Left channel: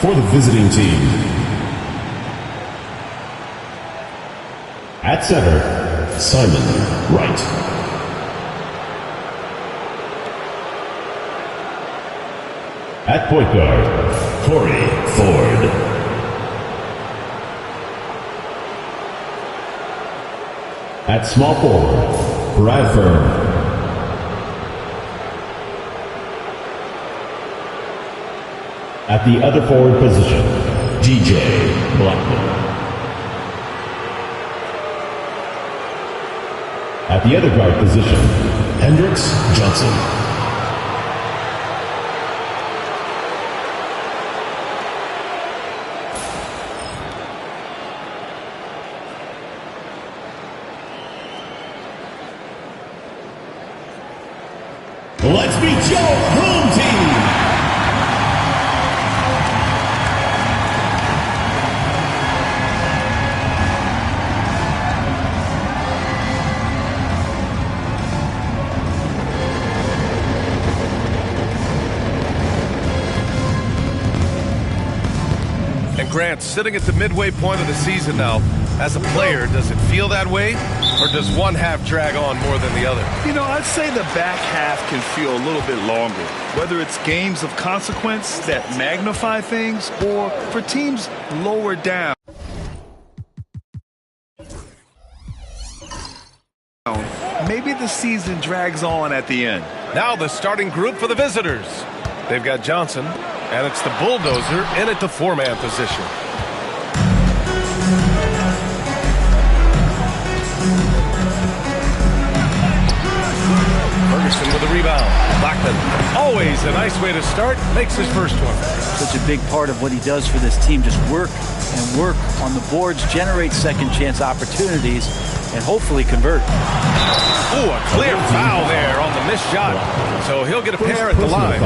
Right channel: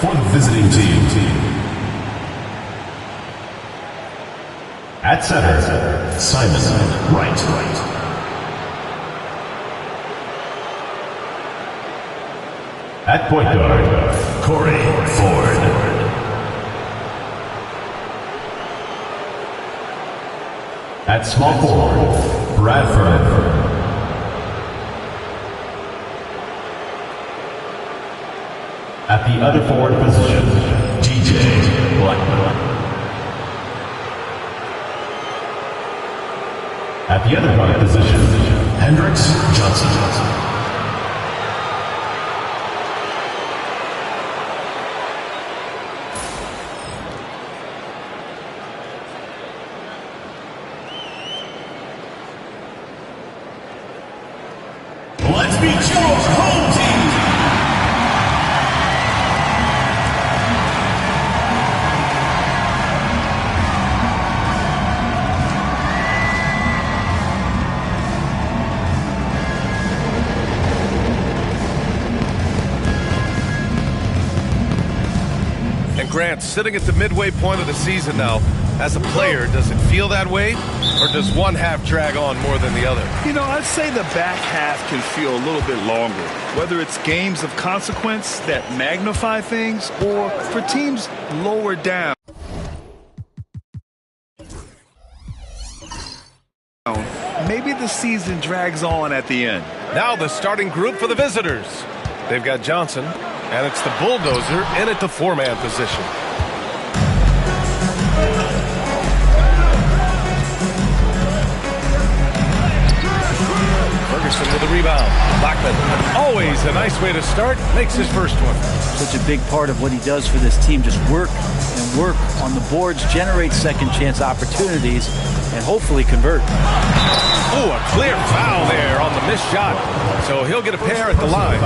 for the visiting team. At center, Simon Wright. At point guard, Corey Ford. At small forward, Bradford. At the other forward position, DJ Blackman. At the other guard position, Hendricks Johnson. Let's meet your home team. Grant, sitting at the midway point of the season now, as a player, does it feel that way? Or does one half drag on more than the other? You know, I'd say the back half can feel a little bit longer. Whether it's games of consequence that magnify things or for teams lower down. Maybe the season drags on at the end. Now the starting group for the visitors. They've got Johnson, and it's the bulldozer in at the four-man position. Ferguson with the rebound. Blackman, always a nice way to start, makes his first one. Such a big part of what he does for this team, just work and work on the boards, generate second chance opportunities, and hopefully convert. Oh, a clear foul there on the missed shot. So he'll get a pair at the line.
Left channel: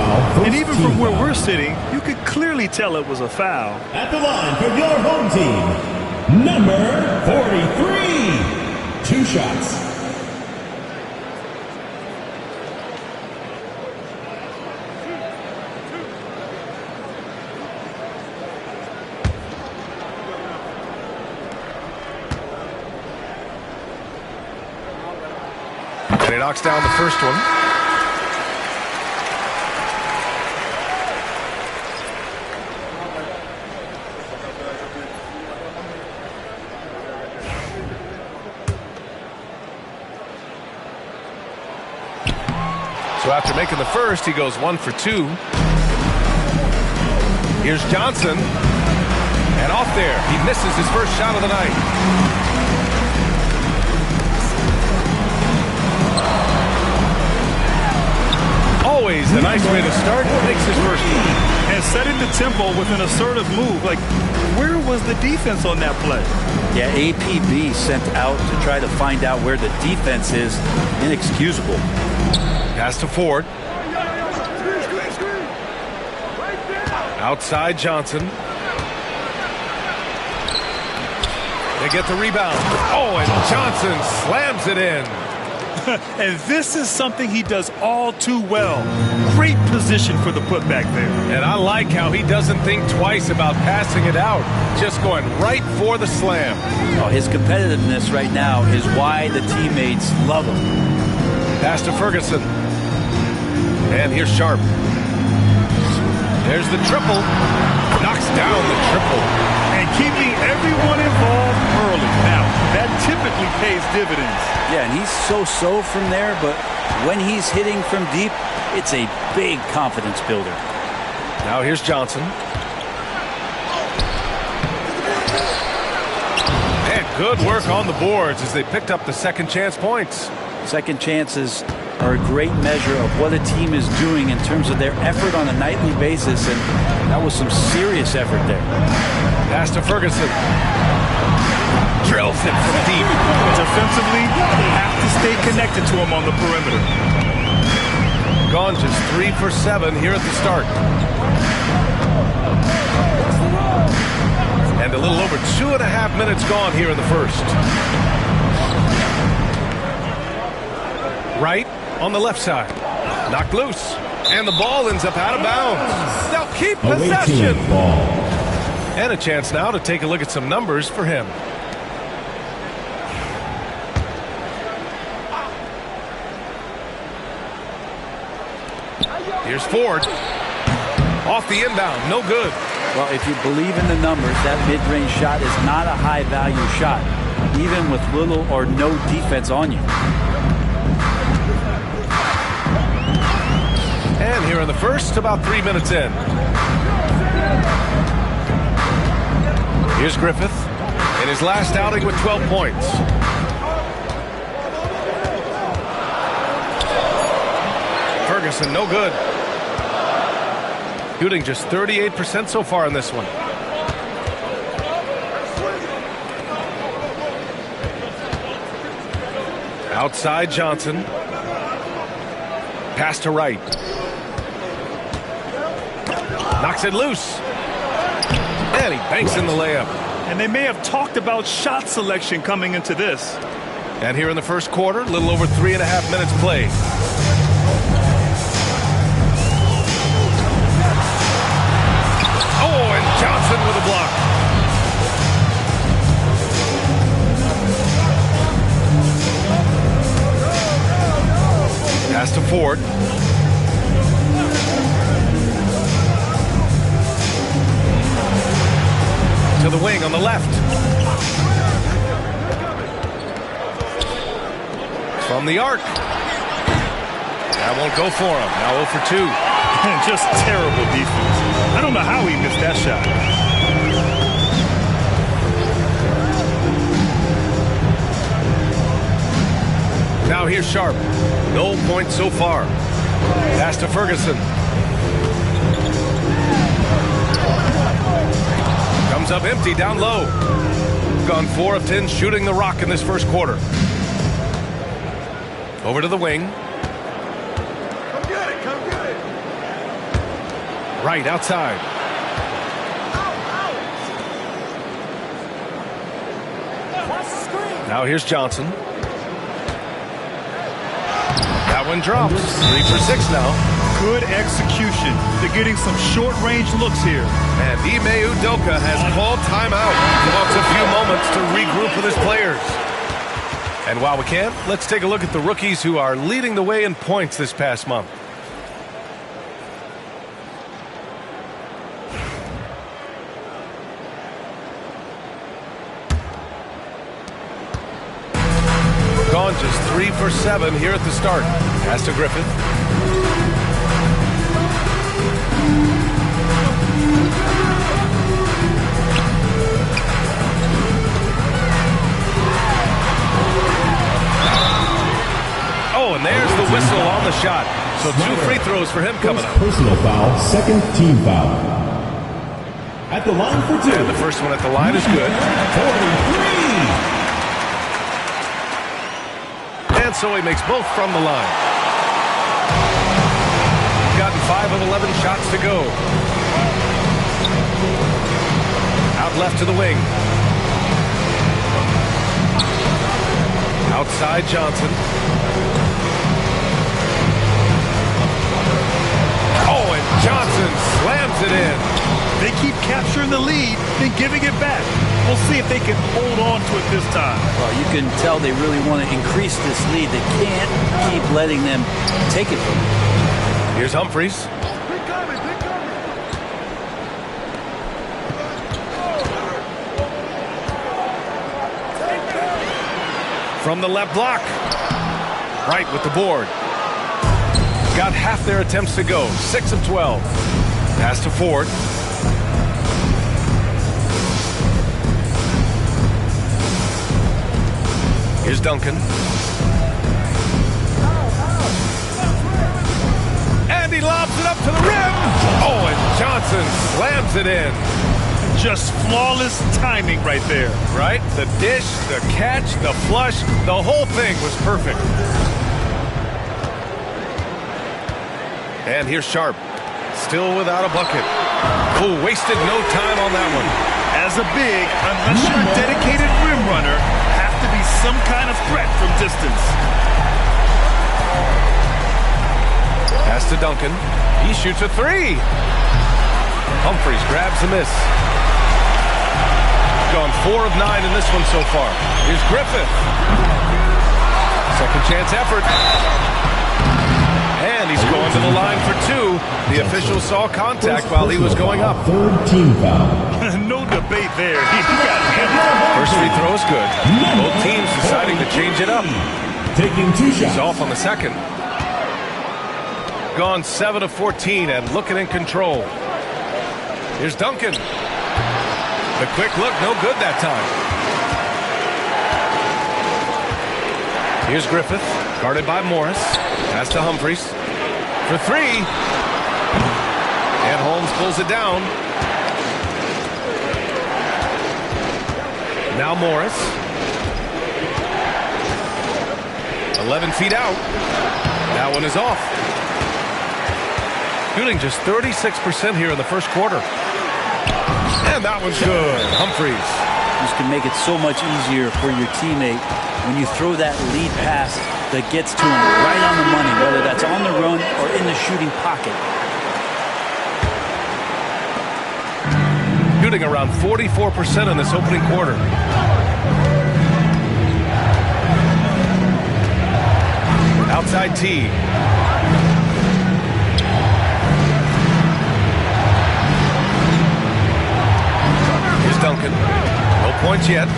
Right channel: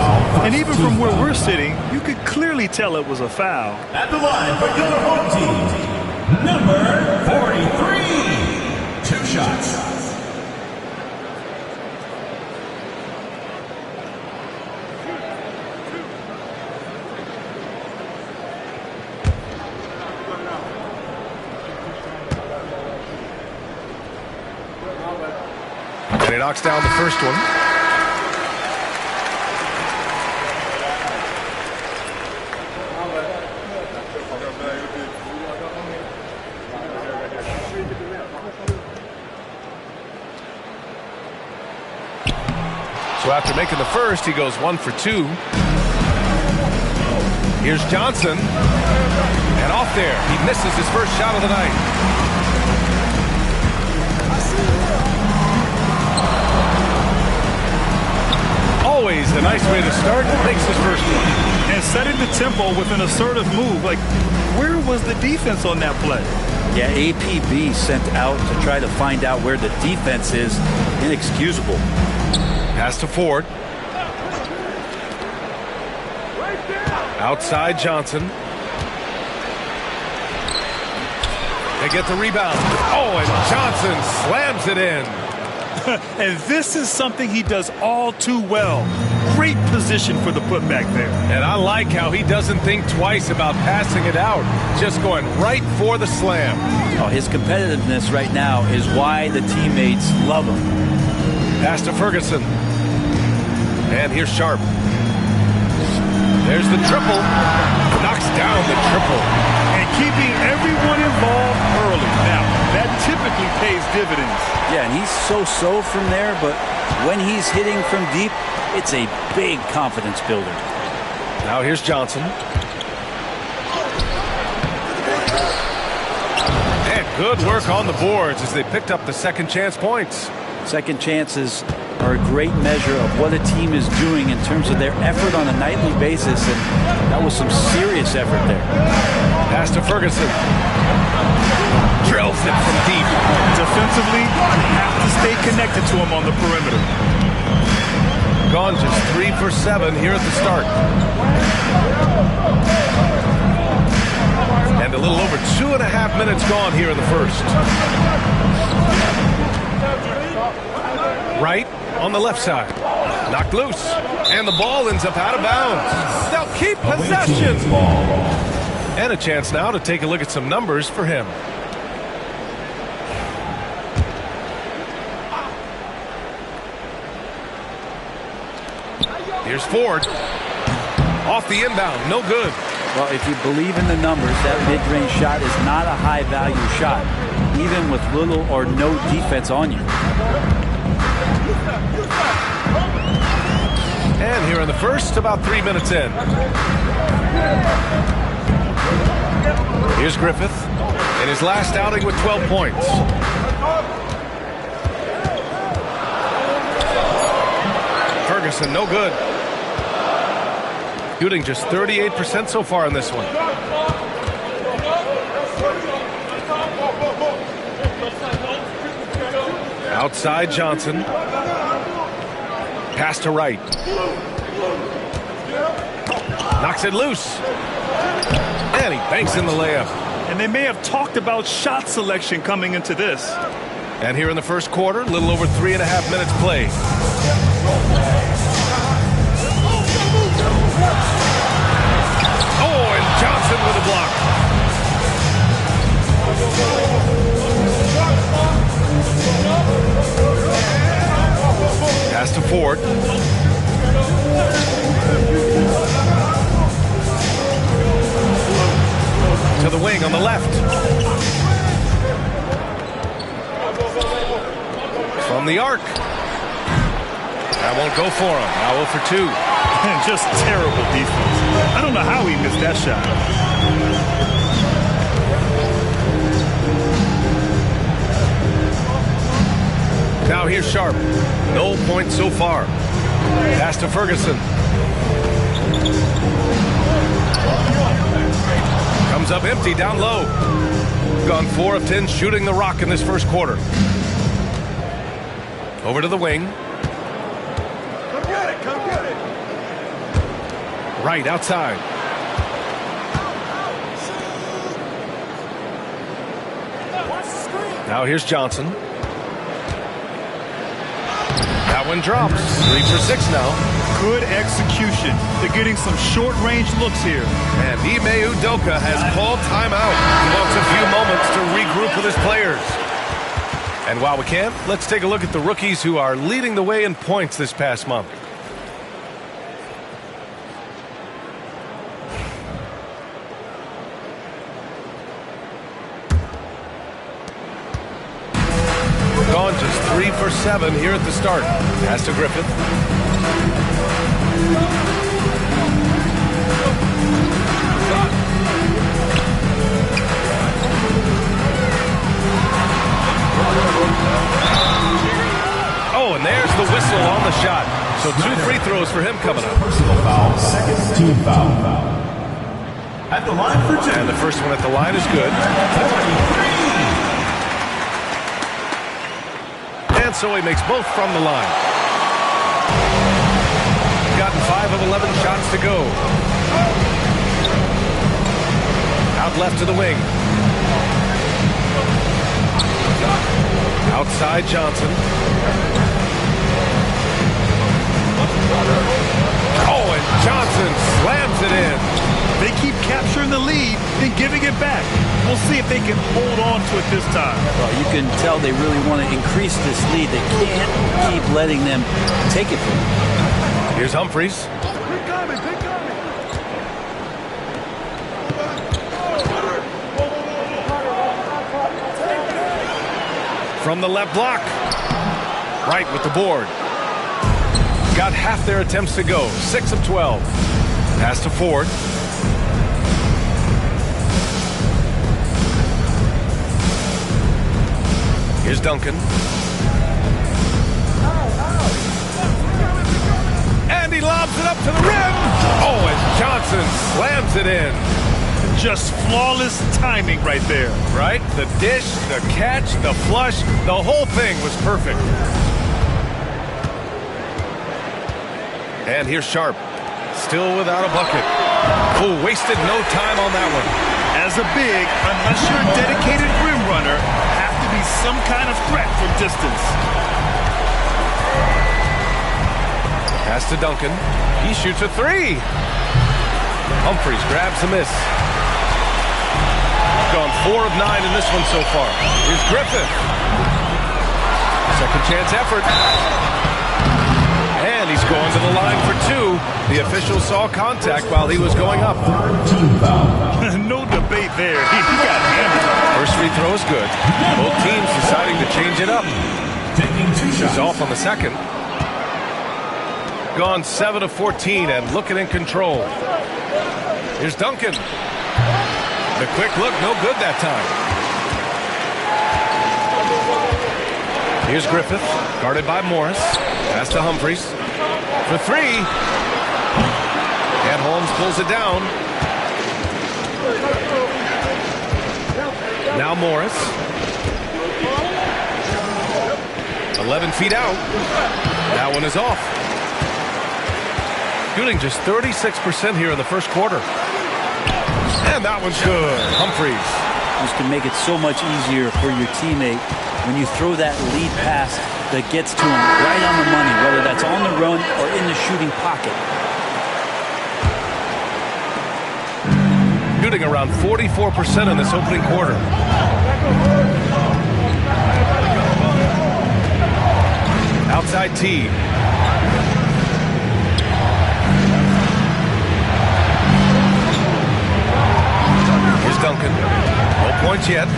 And even from where we're sitting, you could clearly tell it was a foul. At the line for your home team, number 43. 2 shots. And he knocks down the first one. So after making the first, he goes 1 for 2. Here's Johnson. And off there. He misses his first shot of the night. Always a nice way to start. Makes his first one. And setting the tempo with an assertive move. Like, where was the defense on that play? Yeah, APB sent out to try to find out where the defense is. Inexcusable. Pass to Ford. Outside Johnson. They get the rebound. Oh, and Johnson slams it in. And this is something he does all too well. Great position for the putback there. And I like how he doesn't think twice about passing it out. Just going right for the slam. Oh, his competitiveness right now is why the teammates love him. Pass to Ferguson. And here's Sharp. There's the triple. Knocks down the triple. And keeping everyone involved early. Now, that typically pays dividends. Yeah, and he's so-so from there, but when he's hitting from deep, it's a big confidence builder. Now here's Johnson. And good work on the boards as they picked up the second chance points. Second chances are a great measure of what a team is doing in terms of their effort on a nightly basis, and that was some serious effort there. Pass to Ferguson. Drills it from deep. Defensively, you have to stay connected to him on the perimeter. Gone just 3 for 7 here at the start. And a little over 2.5 minutes gone here in the first. Right on the left side. Knocked loose. And the ball ends up out of bounds. They'll keep possession. And a chance now to take a look at some numbers for him. Here's Ford. Off the inbound, no good. Well, if you believe in the numbers, that mid-range shot is not a high-value shot, even with little or no defense on you. And here in the first, about 3 minutes in. Here's Griffith in his last outing with 12 points. Ferguson, no good. Shooting just 38% so far in this one. Outside Johnson. Pass to Wright. Knocks it loose. And he banks in the layup. And they may have talked about shot selection coming into this. And here in the first quarter, a little over 3.5 minutes played. Oh, and Johnson with a block. Pass to Ford. To the wing on the left. From the arc. That won't go for him. Now 0 for 2. And just terrible defense. I don't know how he missed that shot. Now here's Sharp. No points so far. Pass to Ferguson. Comes up empty down low. Gone 4 of 10 shooting the rock in this first quarter. Over to the wing. Come get it, come get it. Right outside. Now here's Johnson. That one drops. 3 for 6 now. Good execution. They're getting some short-range looks here. And Ime Udoka has called timeout. He wants a few moments to regroup with his players. And while we can, let's take a look at the rookies who are leading the way in points this past month. Gone just 3 for 7 here at the start. Pass to Griffith. Oh, and there's the whistle on the shot. So 2 free throws for him coming up. Personal foul, second team foul. At the line for 2. And the first one at the line is good. 43. And so he makes both from the line. Gotten 5 of 11 shots to go. Out left to the wing. Outside Johnson. Oh, and Johnson slams it in. They keep capturing the lead, then giving it back. We'll see if they can hold on to it this time. Well, you can tell they really want to increase this lead. They can't keep letting them take it from them. Here's Humphries. Pick coming, pick coming. From the left block. Right with the board. Got half their attempts to go. 6 of 12. Pass to Ford. Here's Duncan. And he lobs it up to the rim. Oh, and Johnson slams it in. Just flawless timing right there. Right? The dish, the catch, the flush, the whole thing was perfect. And here's Sharp. Still without a bucket. Oh, wasted no time on that one. As a big, unless you're a dedicated rim runner, have to be some kind of threat from distance. Pass to Duncan. He shoots a 3. Humphries grabs the miss. gone 4 of 9 in this one so far. Here's Griffith. Second chance effort. And he's going to the line for 2. The official saw contact while he was going up. Third team foul. No debate there. He got hammered. First free throw is good. Both teams deciding to change it up. Taking 2 shots. He's off on the second. Gone 7 of 14 and looking in control. Here's Duncan. The quick look, no good that time. Here's Griffith, guarded by Morris. Pass to Humphries. For 3. And Holmes pulls it down. Now Morris. 11 feet out. That one is off. Shooting just 36% here in the first quarter. And that one's good. Humphries. This can make it so much easier for your teammate when you throw that lead pass that gets to him right on the money, whether that's on the run or in the shooting pocket. Shooting around 44% in this opening quarter. Outside T. Here's Duncan. No points yet.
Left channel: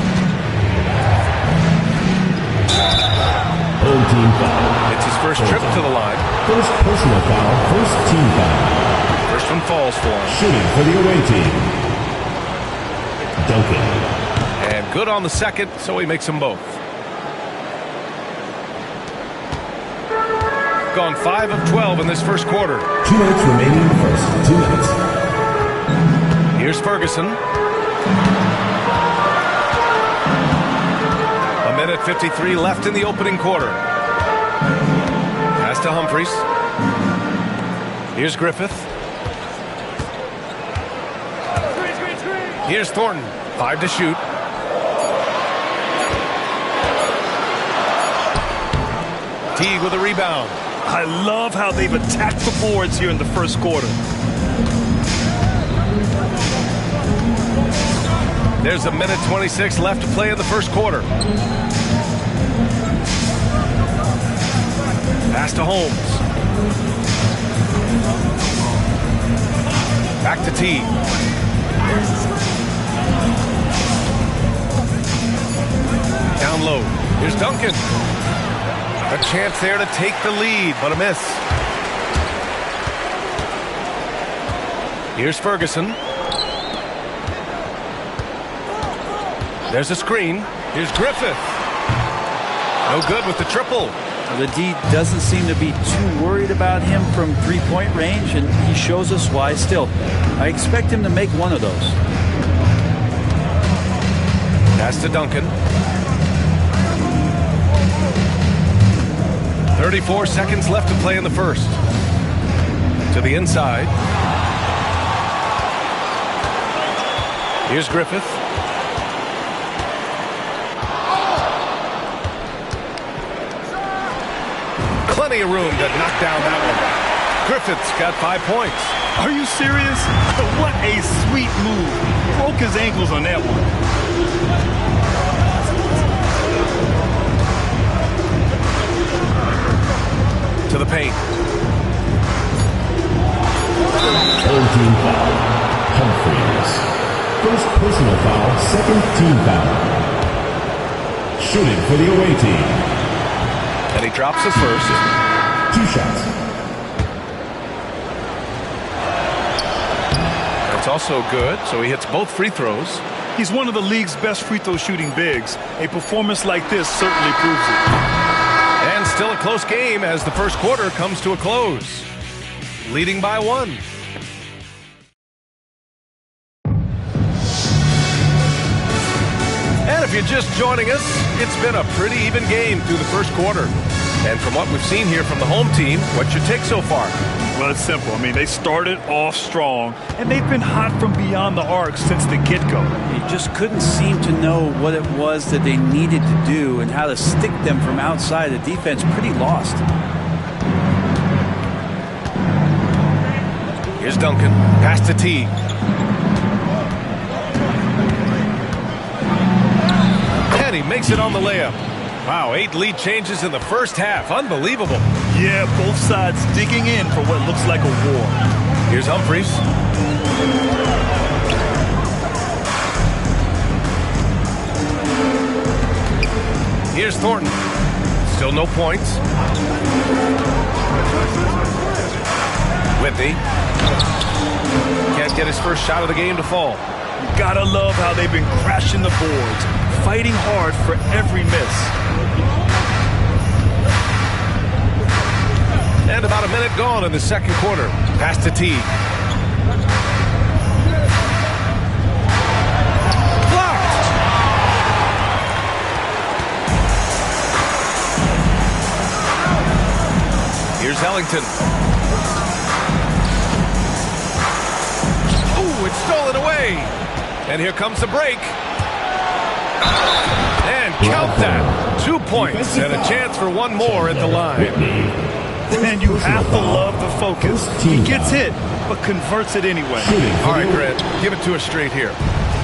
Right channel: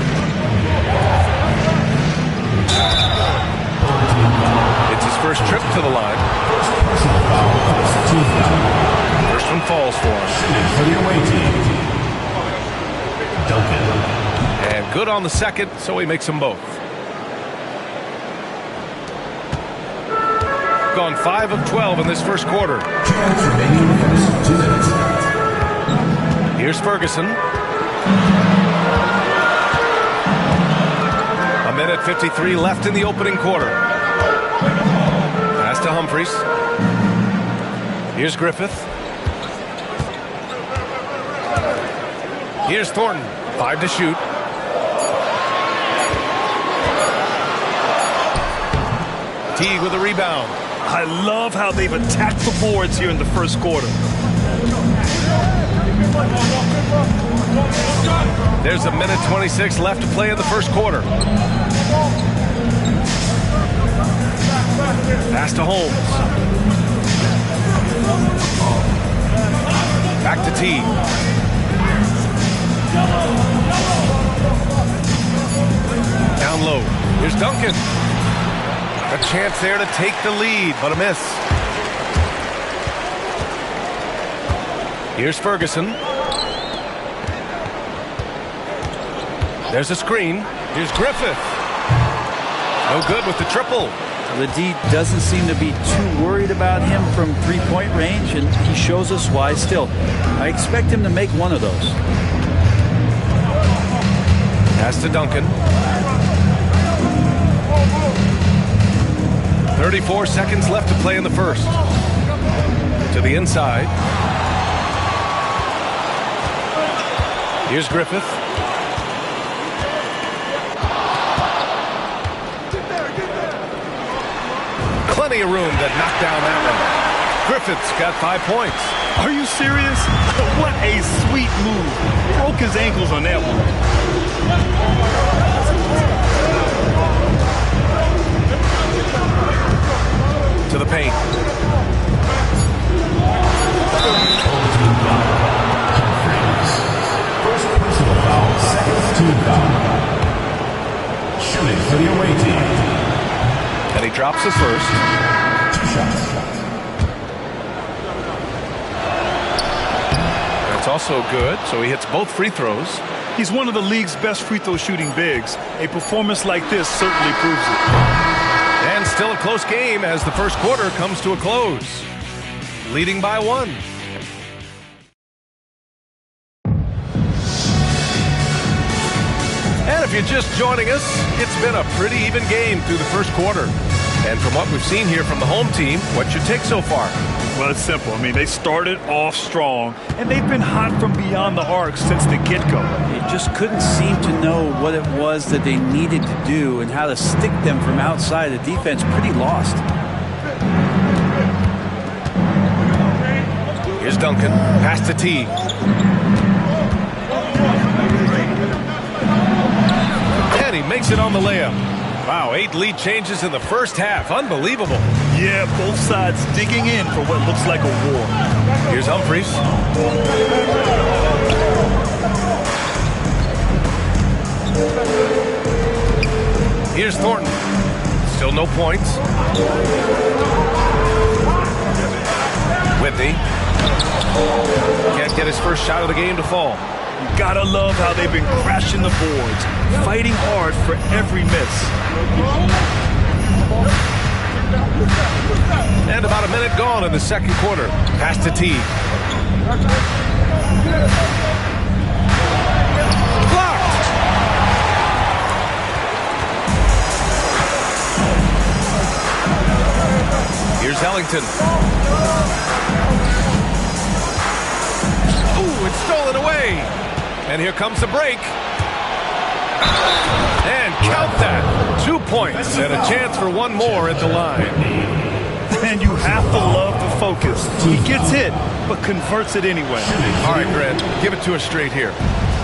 Home team foul. It's his first trip to the line. First personal foul. First team foul. First one falls for him. Shooting for the away team. Duncan. And good on the second, so he makes them both. Gone 5 of 12 in this first quarter. 2 minutes remaining in the first 2 minutes. Here's Ferguson. A minute 53 left in the opening quarter. Pass to Humphries. Here's Griffith. Here's Thornton. 5 to shoot. Teague with a rebound. I love how they've attacked the boards here in the first quarter. There's a minute 26 left to play in the first quarter. Pass to Holmes. Back to T. Down low. Here's Duncan. A chance there to take the lead, but a miss. Here's Ferguson. There's a screen. Here's Griffith. No good with the triple. Well, the D doesn't seem to be too worried about him from three-point range, and he shows us why still. I expect him to make one of those. Pass to Duncan. 34 seconds left to play in the first. To the inside. Here's Griffith. Plenty of room to knock down that one. Griffith's got 5 points. Are you serious? What a sweet move. Broke his ankles on that one. To the paint. Home team foul. Humphries. First personal foul. Second team foul. Shooting for the away team. And he drops the first. 2 shots. That's also good, so he hits both free throws. He's one of the league's best free throw shooting bigs. A performance like this certainly proves it. And still a close game as the first quarter comes to a close. Leading by 1. And if you're just joining us, it's been a pretty even game through the first quarter. And from what we've seen here from the home team, what's your take so far? Well, it's simple. I mean, they started off strong, and they've been hot from beyond the arc since the get-go. They just couldn't seem to know what it was that they needed to do and how to stick them from outside. The defense pretty lost. Here's Duncan. Pass to T. he makes it on the layup. Wow, 8 lead changes in the first half. Unbelievable. Yeah, both sides digging in for what looks like a war. Here's Humphries. Here's Thornton. Still no points. Whitney. Can't get his first shot of the game to fall. You gotta love how they've been crashing the boards, fighting hard for every miss. And about a minute gone in the second quarter. Pass to Teague. Blocked! Here's Ellington. Ooh, it's stolen away. And here comes the break. And count that. 2 points and a chance for one more at the line. And you have to love the focus. He gets hit, but converts it anyway. All right, Grant, give it to us straight here.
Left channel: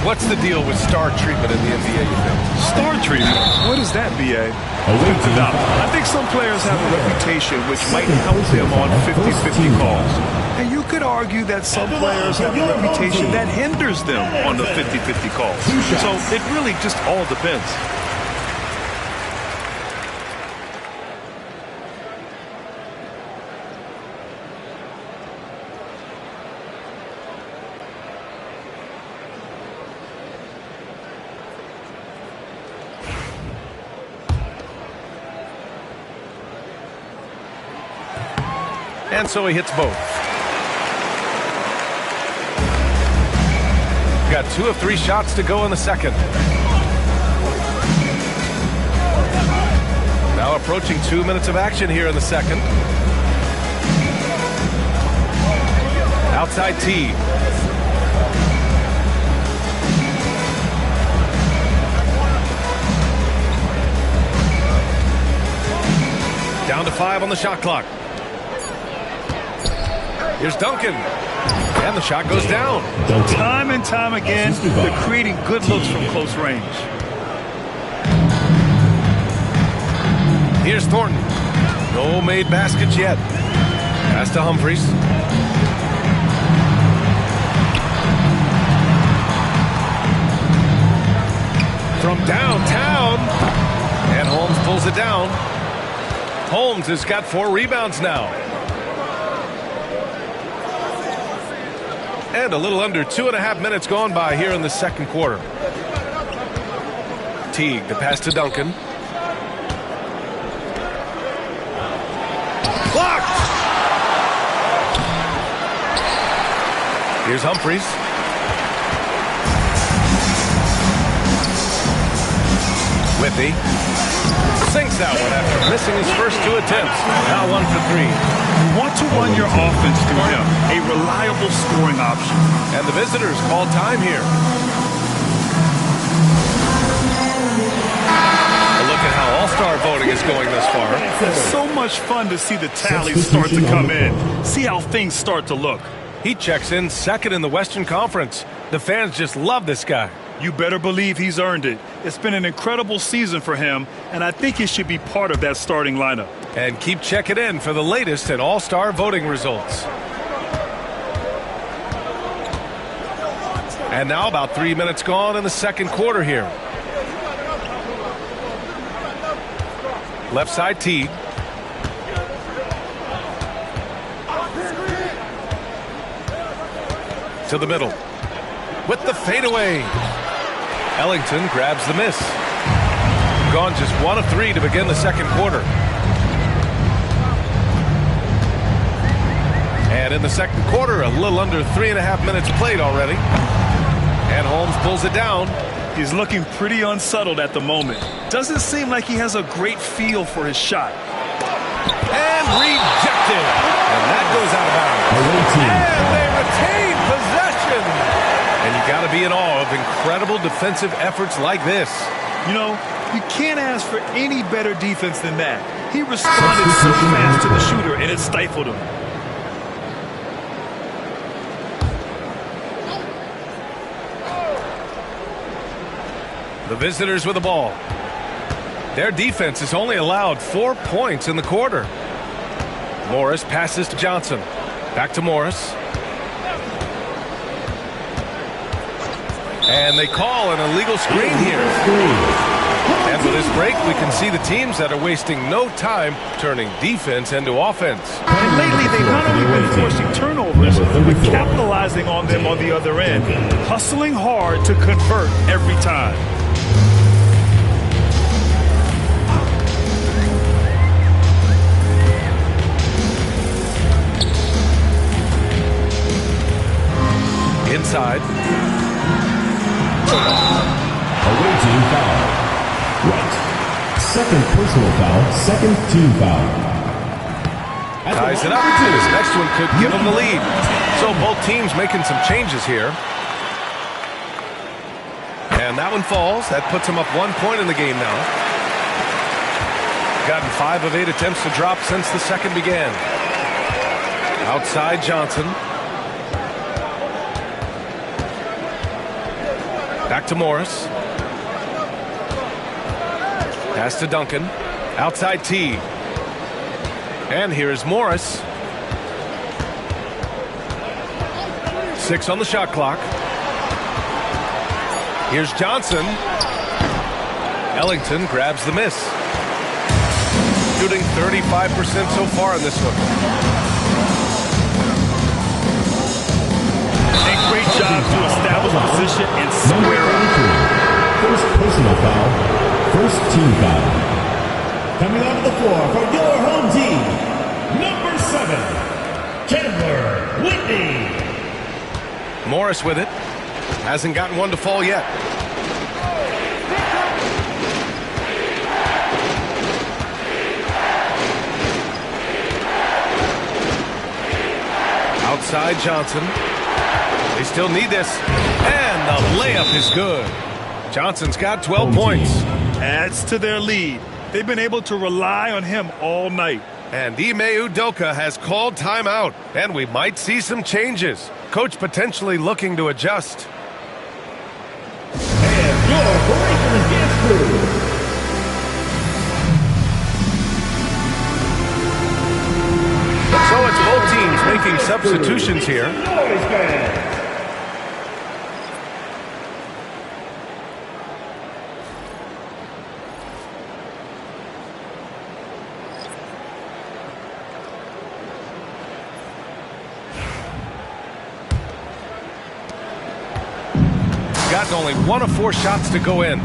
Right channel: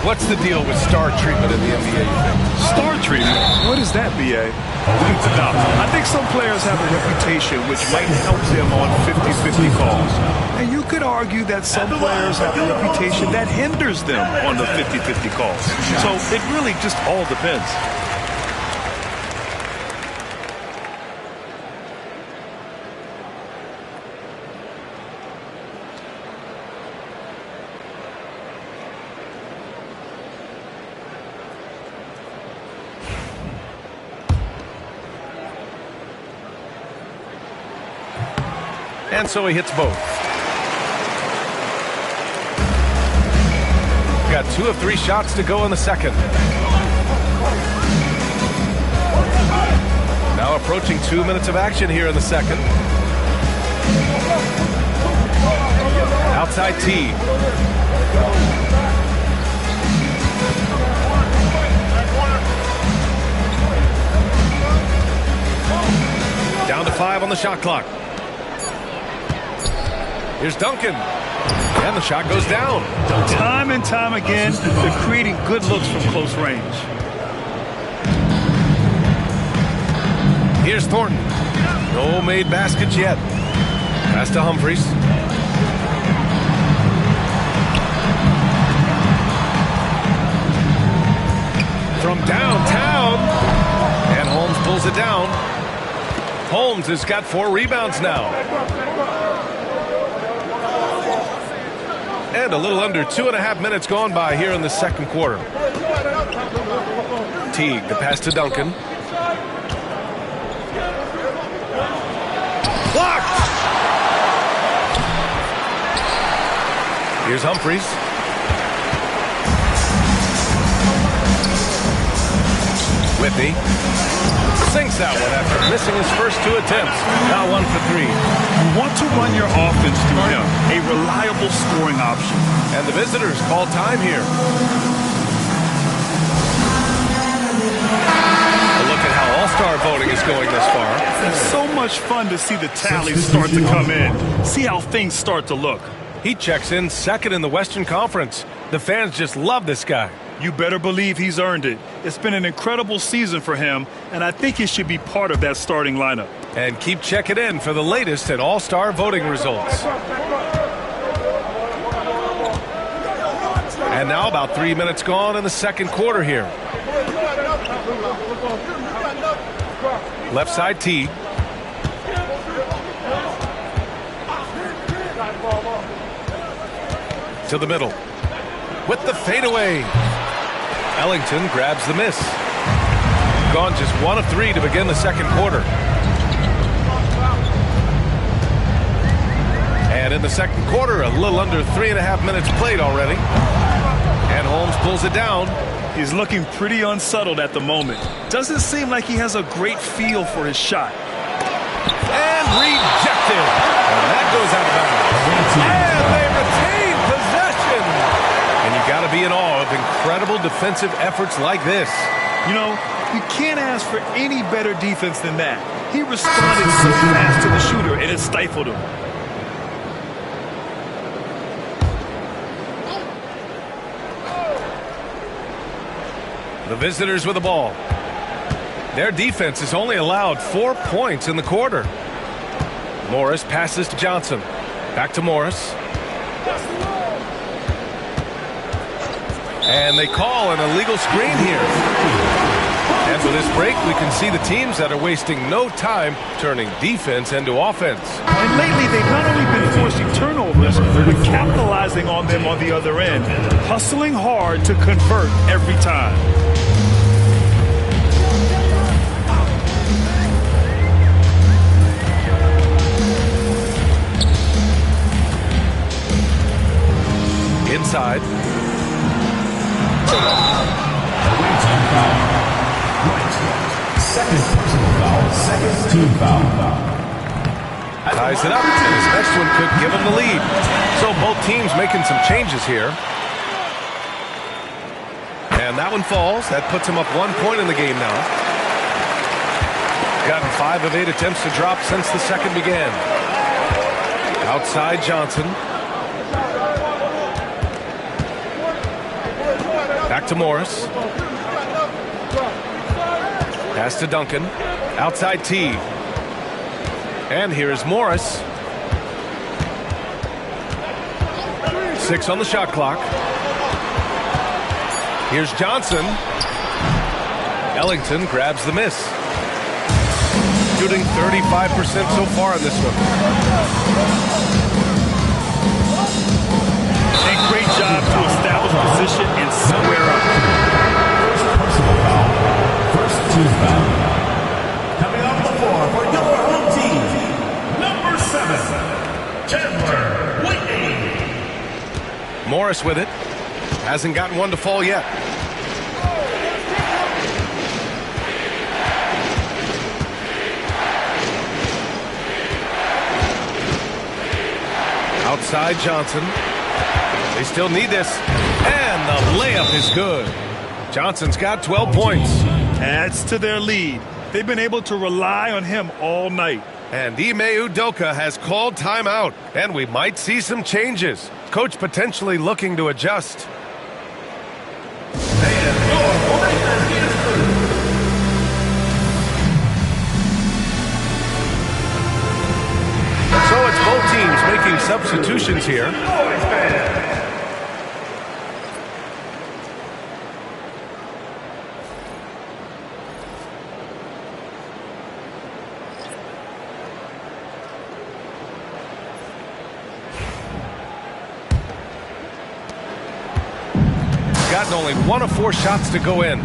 What's the deal with star treatment in the NBA, you think? Star treatment? What is that, B.A.? I think some players have a reputation which might help them on 50-50 calls. And you could argue that some players have a reputation that hinders them on the 50-50 calls. So it really just all depends. And so he hits both. Got 2 of 3 shots to go in the second. Now approaching 2 minutes of action here in the second. Outside Teague. Down to 5 on the shot clock. Here's Duncan. And the shot goes down. Time and time again, they're creating good looks from close range. Here's Thornton. No made baskets yet. Pass to Humphries. From downtown. And Holmes pulls it down. Holmes has got 4 rebounds now. And a little under 2.5 minutes gone by here in the second quarter. Teague, the pass to Duncan. Blocked! Here's Humphries. Whitney sinks that one after missing his first 2 attempts. Now 1 for 3. You want to run your offense through him, a reliable scoring option. And the visitors call time here. A look at how all-star voting is going thus far. It's so much fun to see the tallies start to come in. See how things start to look. He checks in second in the Western Conference. The fans just love this guy. You better believe he's earned it. It's been an incredible season for him, and I think he should be part of that starting lineup. And keep checking in for the latest at all-star voting results. And now about 3 minutes gone in the second quarter here. Left side Teague. To the middle. With the fadeaway. Ellington grabs the miss. Gone just 1 of 3 to begin the second quarter. And in the second quarter, a little under 3.5 minutes played already. And Holmes pulls it down. He's looking pretty unsettled at the moment. Doesn't seem like he has a great feel for his shot. And rejected. And that goes out of bounds. And they retain possession. And you got to be in awe of incredible defensive efforts like this. You know, you can't ask for any better defense than that. He responded so fast to the shooter, and it stifled him. The visitors with the ball. Their defense has only allowed 4 points in the quarter. Morris passes to Johnson. Back to Morris. And they call an illegal screen here. And with this break, we can see the teams that are wasting no time turning defense into offense. And lately, they've not only been forcing turnovers, but capitalizing on them on the other end. Hustling hard to convert every time. Inside. Away team foul. Right. Second personal foul. Second team foul. Ties it up, and his next one could give him the lead. So both teams making some changes here. And that one falls. That puts him up 1 point in the game now. Gotten 5 of 8 attempts to drop since the second began. Outside Johnson. Back to Morris. Pass to Duncan. Outside T. And here's Morris. 6 on the shot clock. Here's Johnson. Ellington grabs the miss. Shooting 35% so far in this one. And great job to establish position and square up. First personal foul. First team foul. Coming off the floor for your home team, number 7, Chandler Whitney. Morris with it. Hasn't gotten one to fall yet. Outside Johnson. They still need this. And the layup is good. Johnson's got 12 points. Adds to their lead. They've been able to rely on him all night. And Ime Udoka has called timeout. And we might see some changes. Coach potentially looking to adjust. And your breaker gets through. So it's both teams making substitutions here. Gotten only 1 of 4 shots to go in.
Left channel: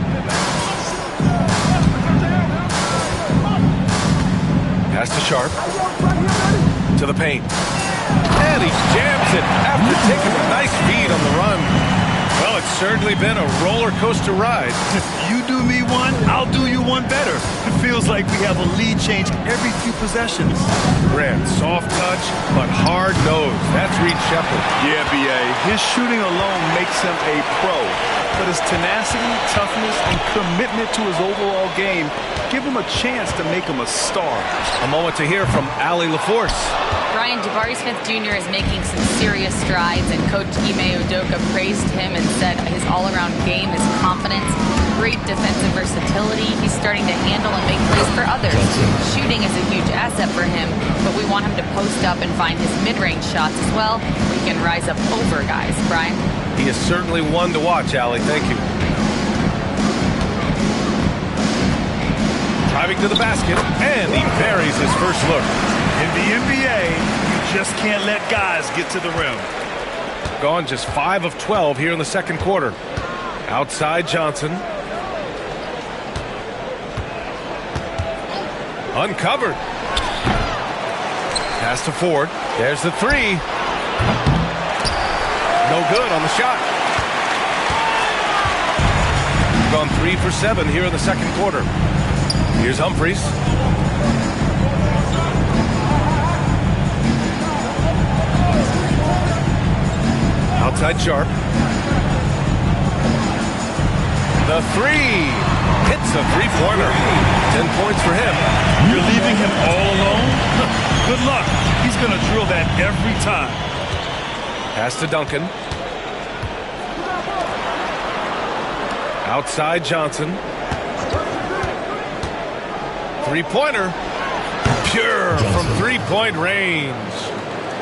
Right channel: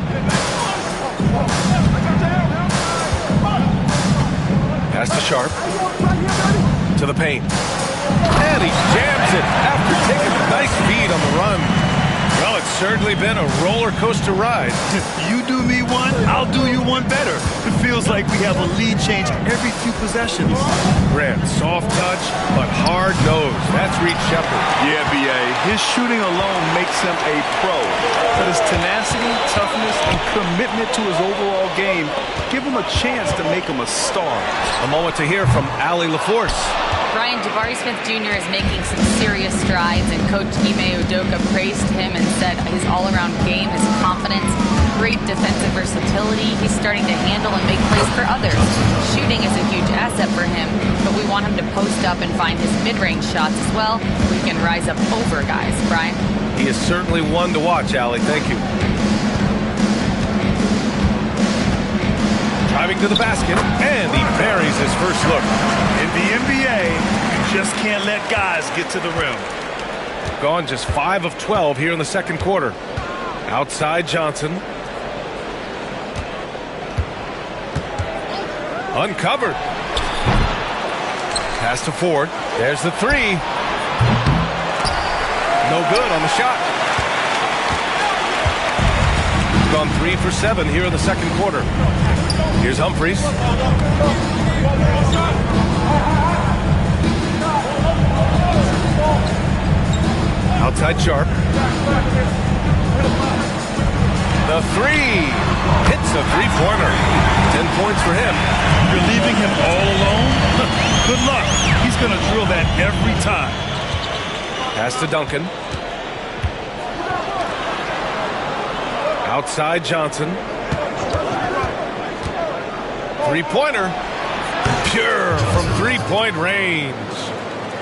Pass to Sharp. To the paint. And he jams it after taking a nice feed on the run. Well, it's certainly been a roller coaster ride. You do me one, I'll do you one better. It feels like we have a lead change every few possessions. Grant, soft touch, but hard nose. That's Reed Shepherd. Yeah, B.A. His shooting alone makes him a pro. But his tenacity, toughness, and commitment to his overall game give him a chance to make him a star. A moment to hear from Allie LaForce. Brian, Jabari Smith Jr. is making some serious strides, and Coach Ime Udoka praised him and said his all-around game, his confidence, great defensive versatility. He's starting to handle and make plays for others. Shooting is a huge asset for him, but we want him to post up and find his mid-range shots as well. We can rise up over guys. Brian? He is certainly one to watch, Allie. Thank you. Driving to the basket, and he buries his first look. In the NBA, you just can't let guys get to the rim. Gone just 5 of 12 here in the second quarter. Outside Johnson. Uncovered. Pass to Ford. There's the 3. No good on the shot. Gone 3 for 7 here in the second quarter. Here's Humphries. Outside Sharp. The 3. Hits a three-pointer. 10 points for him. You're leaving him all alone? Good luck. He's going to drill that every time. Pass to Duncan. Outside Johnson. Three-pointer. Pure from three-point range.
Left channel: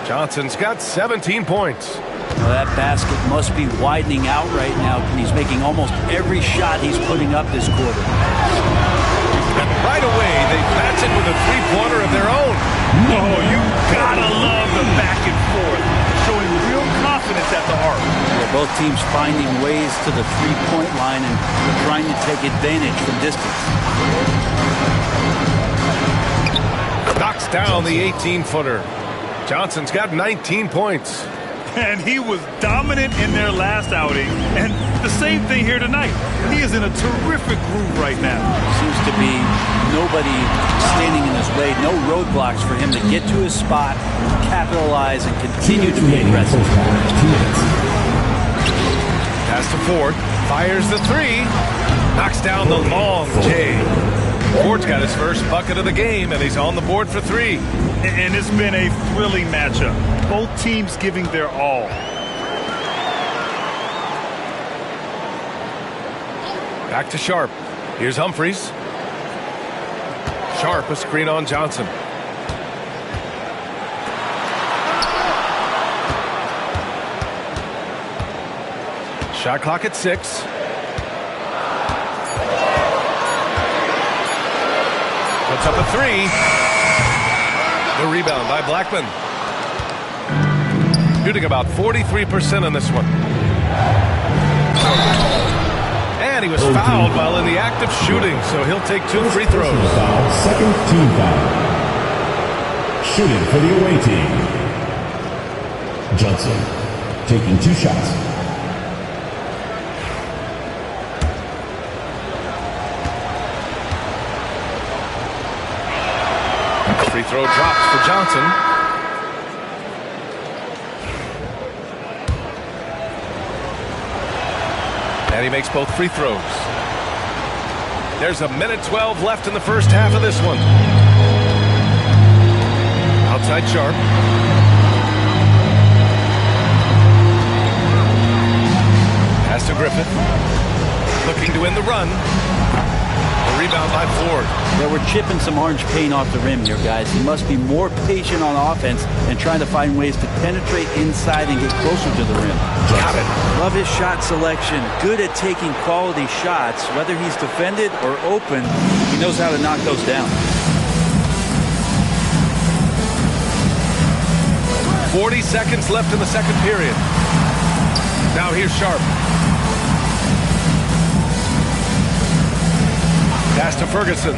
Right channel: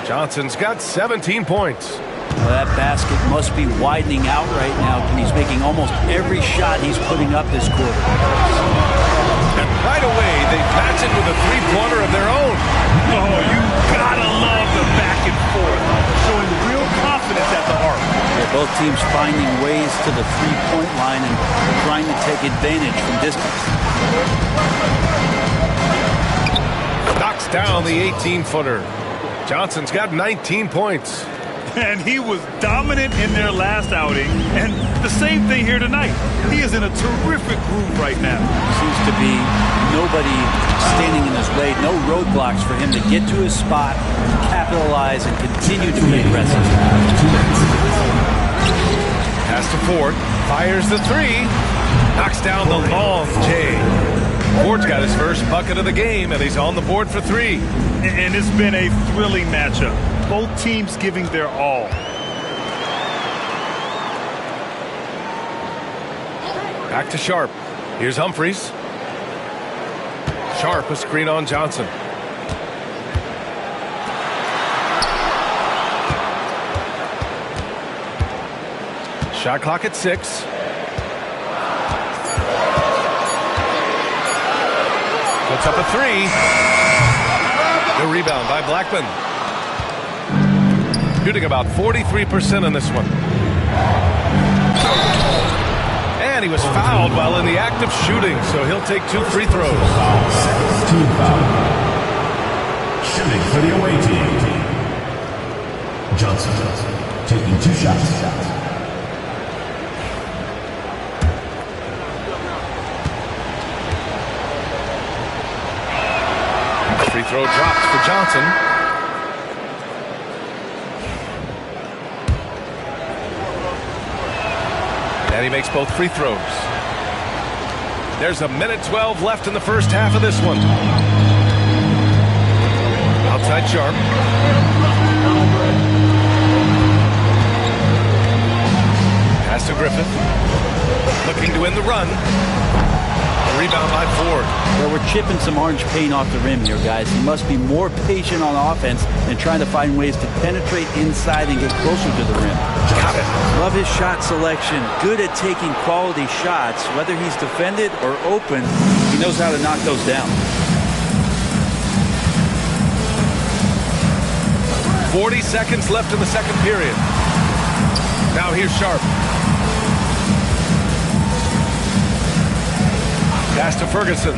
Johnson's got 17 points. Well, that basket must be widening out right now. He's making almost every shot he's putting up this quarter. And right away, they match it with a three-pointer of their own. Oh, you gotta love the back and forth, showing real confidence at the arc. Yeah, both teams finding ways to the three-point line and trying to take advantage from distance. Knocks down the 18-footer. Johnson's got 19 points. And he was dominant in their last outing, and the same thing here tonight. He is in a terrific groove right now. Seems to be nobody standing in his way, no roadblocks for him to get to his spot, capitalize, and continue to be aggressive. Pass to Ford, fires the three, knocks down the long J. Ford's got his first bucket of the game, and he's on the board for three. And it's been a thrilling matchup. Both teams giving their all. Back to Sharp. Here's Humphries. Sharp, a screen on Johnson. Shot clock at 6. Puts up a three. The rebound by Blackman. Shooting about 43% on this one. And he was fouled while in the act of shooting, so he'll take 2 free throws. Second team foul. Shooting for the away team. Johnson taking 2 shots. Free throw drops for Johnson. And he makes both free throws. There's a minute 12 left in the first half of this one. Outside Sharp. Pass to Griffith. Looking to win the run. The rebound by Ford. Well, we're chipping some orange paint off the rim here, guys. He must be more patient on offense and trying to find ways to penetrate inside and get closer to the rim. Got it. Love his shot selection. Good at taking quality shots. Whether he's defended or open, he knows how to knock those down. 40 seconds left in the second period. Now here's Sharp. Pass to Ferguson.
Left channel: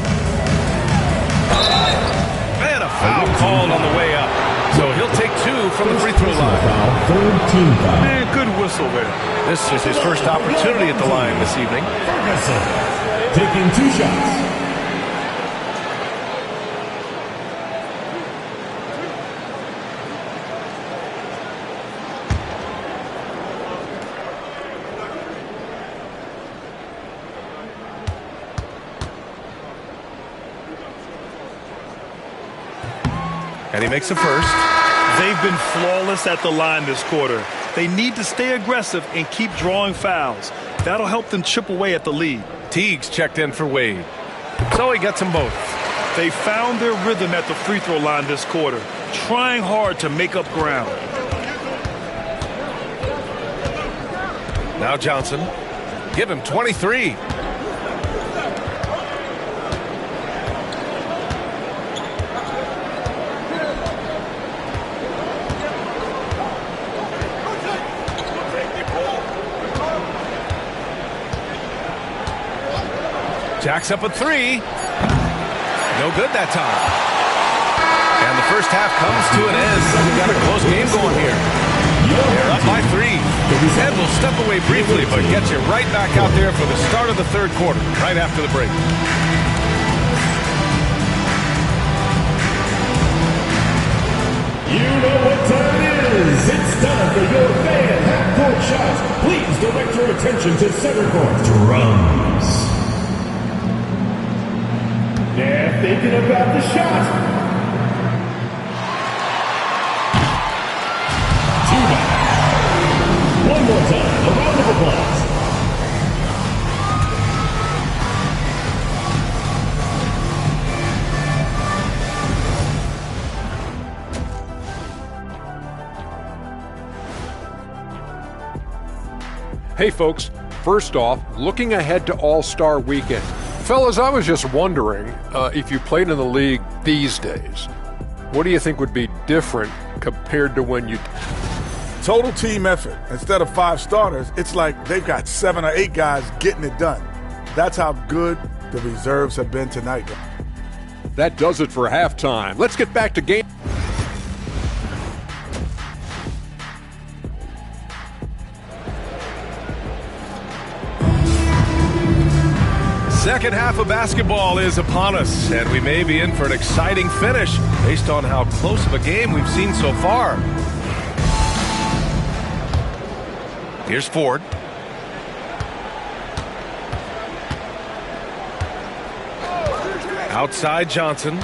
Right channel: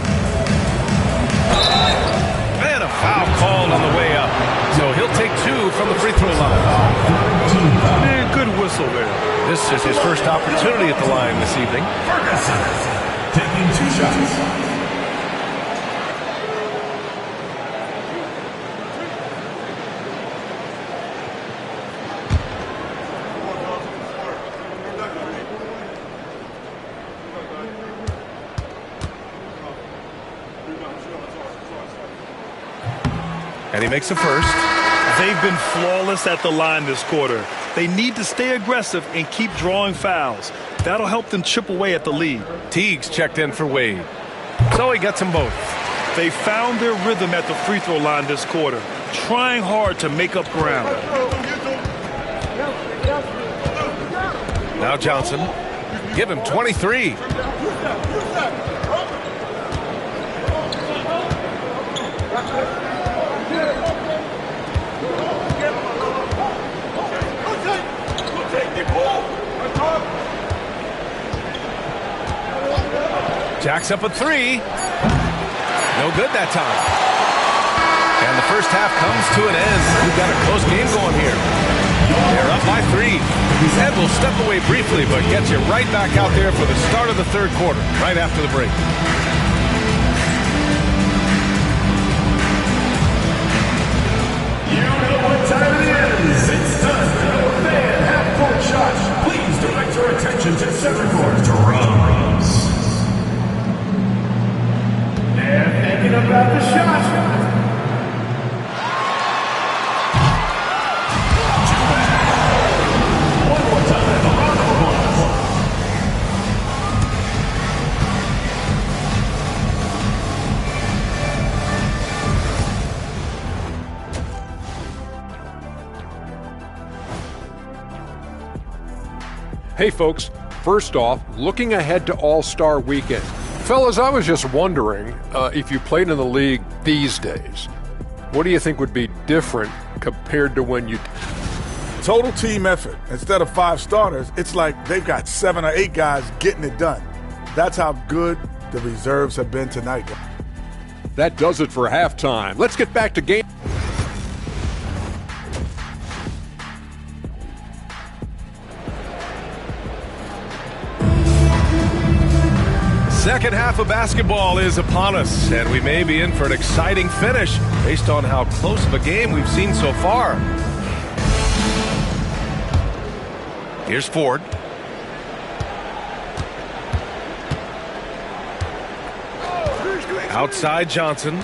And a foul called on the way up. So he'll take 2 from the free throw line. Third team foul. Man, good whistle there. This is his first opportunity at the line this evening. Ferguson taking 2 shots. And he makes the first. They've been flawless at the line this quarter. They need to stay aggressive and keep drawing fouls. That'll help them chip away at the lead. Teague's checked in for Wade. So he gets them both. They found their rhythm at the free throw line this quarter, trying hard to make up ground. Now Johnson. Give him 23. Jacks up a 3. No good that time. And the first half comes to an end. We've got a close game going here. They're up by 3. And we'll step away briefly, but get you right back out there for the start of the third quarter, right after the break. You know what time it is. It's time for your fan half-court shot. Please direct your attention to center court. Drums. They're thinking about the shot. Too bad. One more time. A round of applause. Hey folks, first off, looking ahead to All-Star Weekend. Fellas, I was just wondering if you played in the league these days, what do you think would be different compared to when you... Total team effort. Instead of 5 starters, it's like they've got 7 or 8 guys getting it done. That's how good the reserves have been tonight. That does it for halftime. Let's get back to game. Second half of basketball is upon us, and we may be in for an exciting finish based on how close of a game we've seen so far. Here's Ford. Outside Johnson.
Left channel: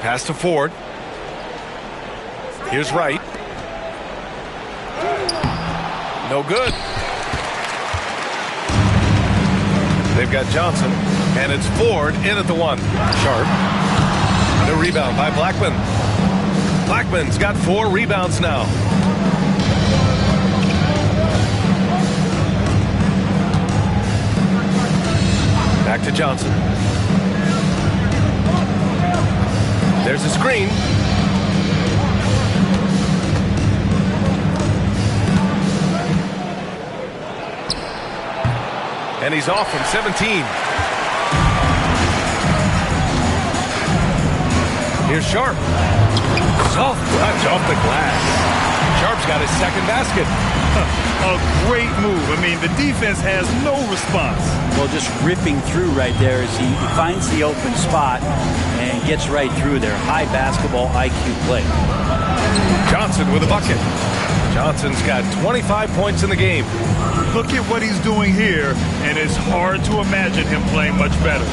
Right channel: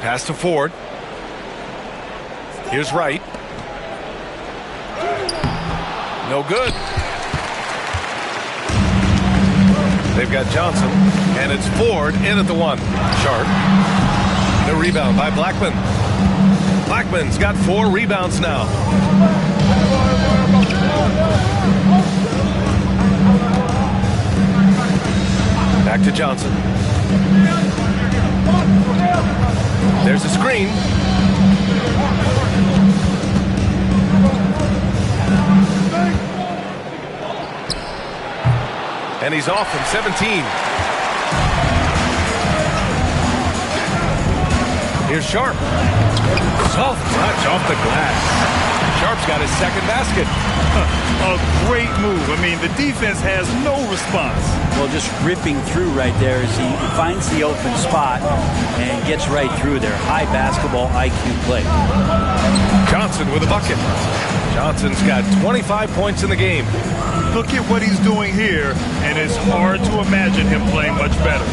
Pass to Ford. Here's Wright. No good. They've got Johnson, and it's Ford in at the 1. Sharp. The rebound by Blackman. Blackman's got 4 rebounds now. Back to Johnson. There's a screen. And he's off from 17. Here's Sharp. Soft touch off the glass. Sharp's got his second basket. A great move. I mean, the defense has no response. Well, just ripping through right there as he finds the open spot and gets right through there. High basketball IQ play. Johnson with a bucket. Johnson's got 25 points in the game. Look at what he's doing here, and it's hard to imagine him playing much better.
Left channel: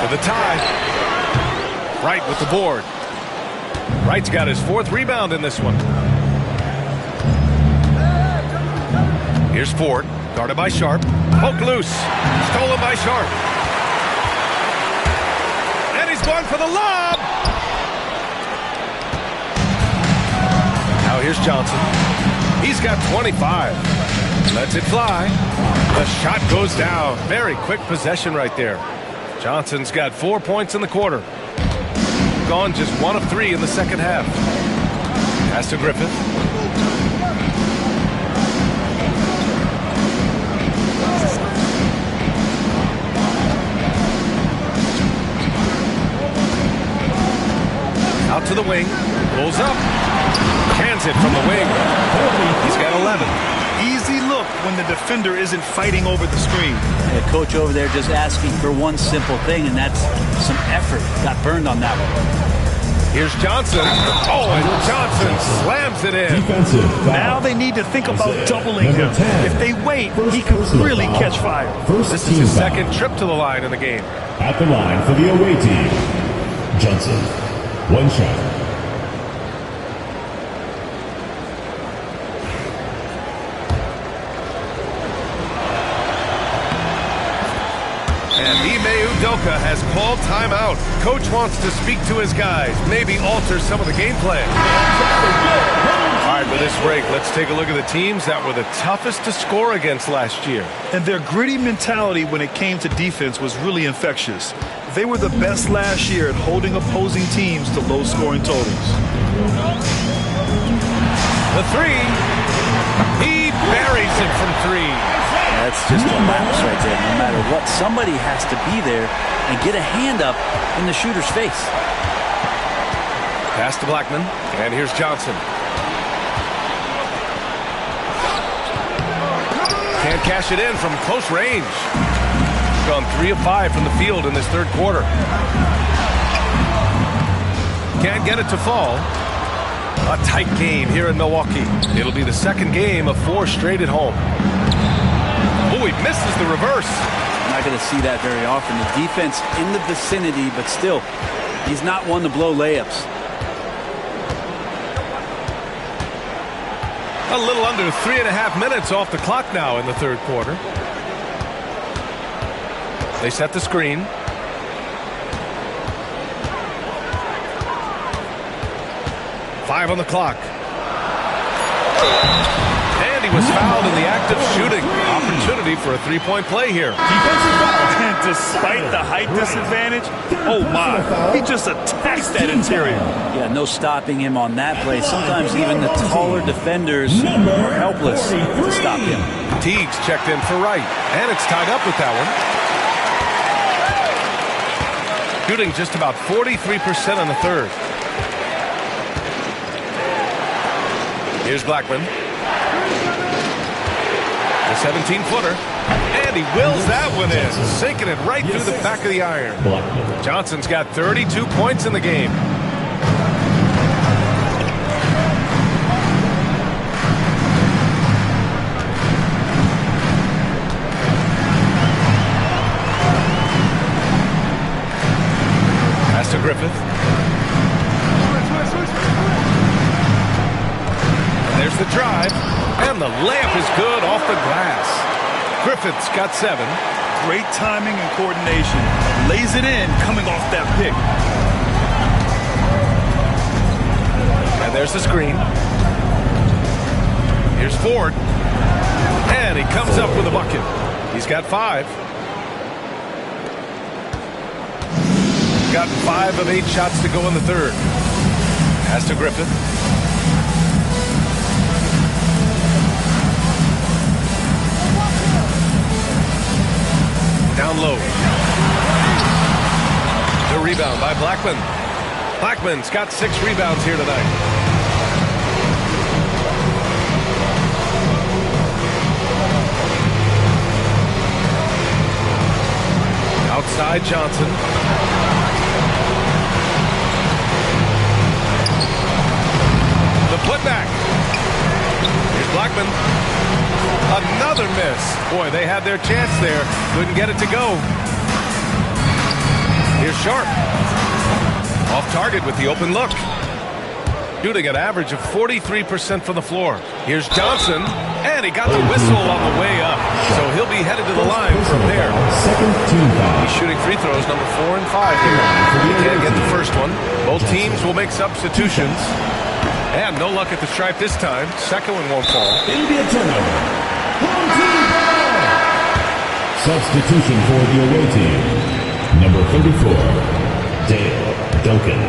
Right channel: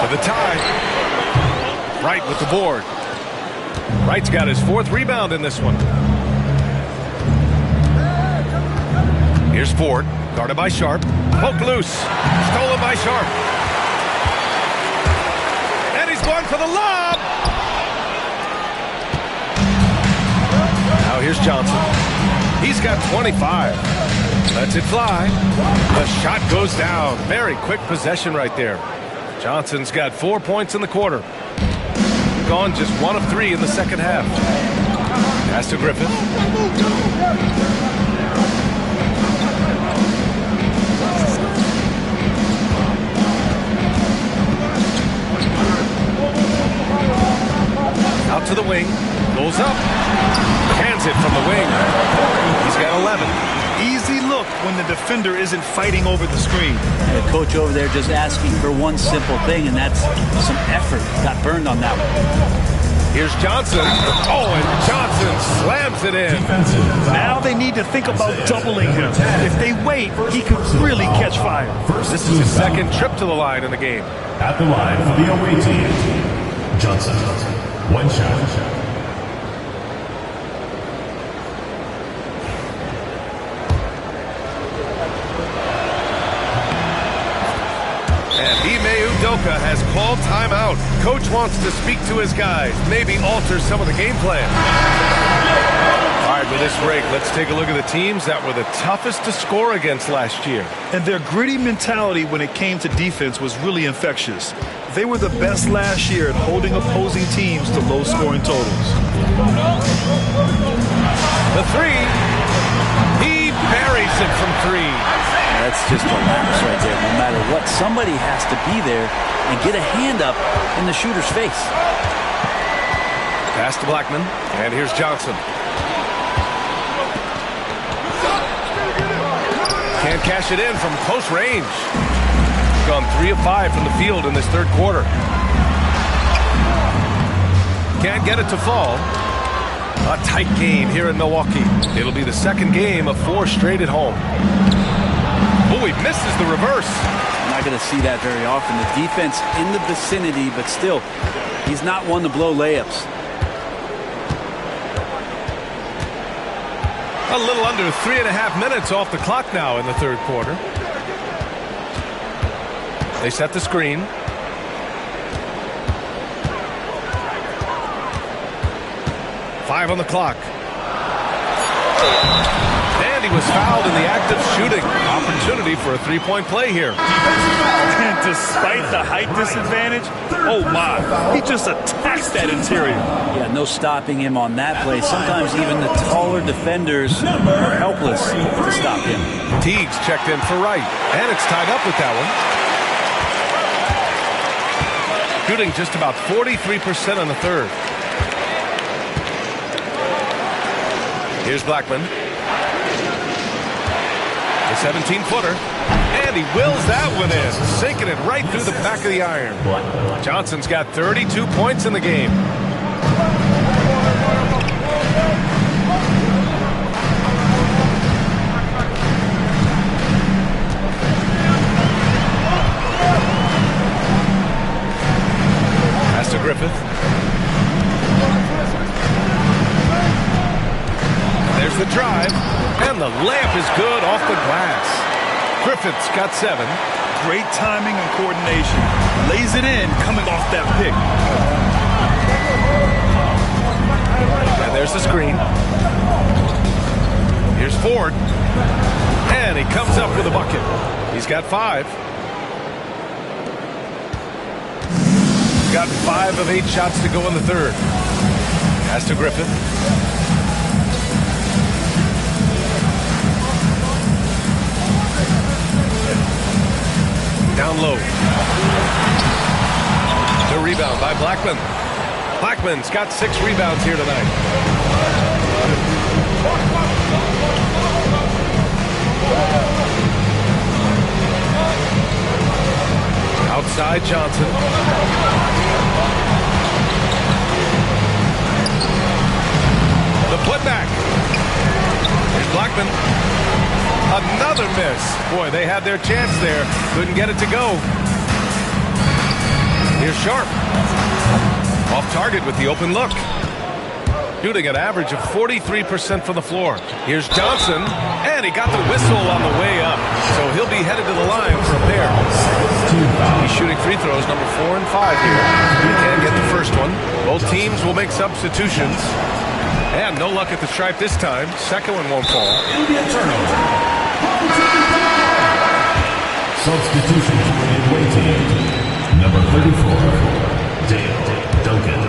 For the tie. Wright with the board. Wright's got his 4th rebound in this one. Here's Ford, guarded by Sharp. Poked loose. Stolen by Sharp. And he's going for the lob. Now here's Johnson. He's got 25. Lets it fly. The shot goes down. Very quick possession right there. Johnson's got 4 points in the quarter. Gone just 1 of 3 in the second half. Pass to Griffith. Out to the wing. Pulls up. Hands it from the wing. He's got 11. Easy look when the defender isn't fighting over the screen. And the coach over there just asking for one simple thing, and that's some effort. Got burned on that one. Here's Johnson. Oh, and Johnson slams it in. Now they need to think about doubling him. If they wait, he could really catch fire. This is his second trip to the line in the game. At the line for the away team, Johnson. 1 shot. And Ime Udoka has called timeout. Coach wants to speak to his guys, maybe alter some of the game plan. All right, with this break, let's take a look at the teams that were the toughest to score against last year. And their gritty mentality when it came to defense was really infectious. They were the best last year at holding opposing teams to low-scoring totals. The 3. He buries it from 3. That's just a lapse right there. No matter what, somebody has to be there and get a hand up in the shooter's face. Pass to Blackman, and here's Johnson. Can't cash it in from close range. Gone 3 of 5 from the field in this third quarter. Can't get it to fall. A tight game here in Milwaukee. It'll be the second game of 4 straight at home. Oh, he misses the reverse. I'm not going to see that very often. The defense in the vicinity, but still, he's not one to blow layups. A little under 3.5 minutes off the clock now in the third quarter. They set the screen. 5 on the clock. And he was fouled in the act of shooting. Opportunity for a three-point play here. Defensive foul. And despite the height disadvantage, oh my, he just attacks that interior. Yeah, no stopping him on that play. Sometimes even the taller defenders are helpless to stop him. Teagues checked in for Wright, and it's tied up with that one. Shooting just about 43% on the third. Here's Blackman. The 17-footer. And he wills that one in, sinking it right through the back of the iron. Johnson's got 32 points in the game. Pass to Griffith. And there's the drive. And the layup is good off the glass. Griffith's got 7. Great timing and coordination. Lays it in coming off that pick. And there's the screen. Here's Ford. And he comes up with a bucket. He's got 5. He's gotten 5 of 8 shots to go in the third. Pass to Griffith. Down low. The rebound by Blackman. Blackman's got 6 rebounds here tonight. Outside Johnson. The putback. Here's Blackman. Another miss. Boy, they had their chance there. Couldn't get it to go. Here's Sharp. Off target with the open look. Shooting an average of 43% from the floor. Here's Johnson. And he got the whistle on the way up. So he'll be headed to the line for a pair. He's shooting free throws number 4 and 5 here. He can't get the first one. Both teams will make substitutions. And no luck at the stripe this time. Second one won't fall. It'll be a turnover. Home team foul. Substitution for the away team. Number 34, Dale Duncan.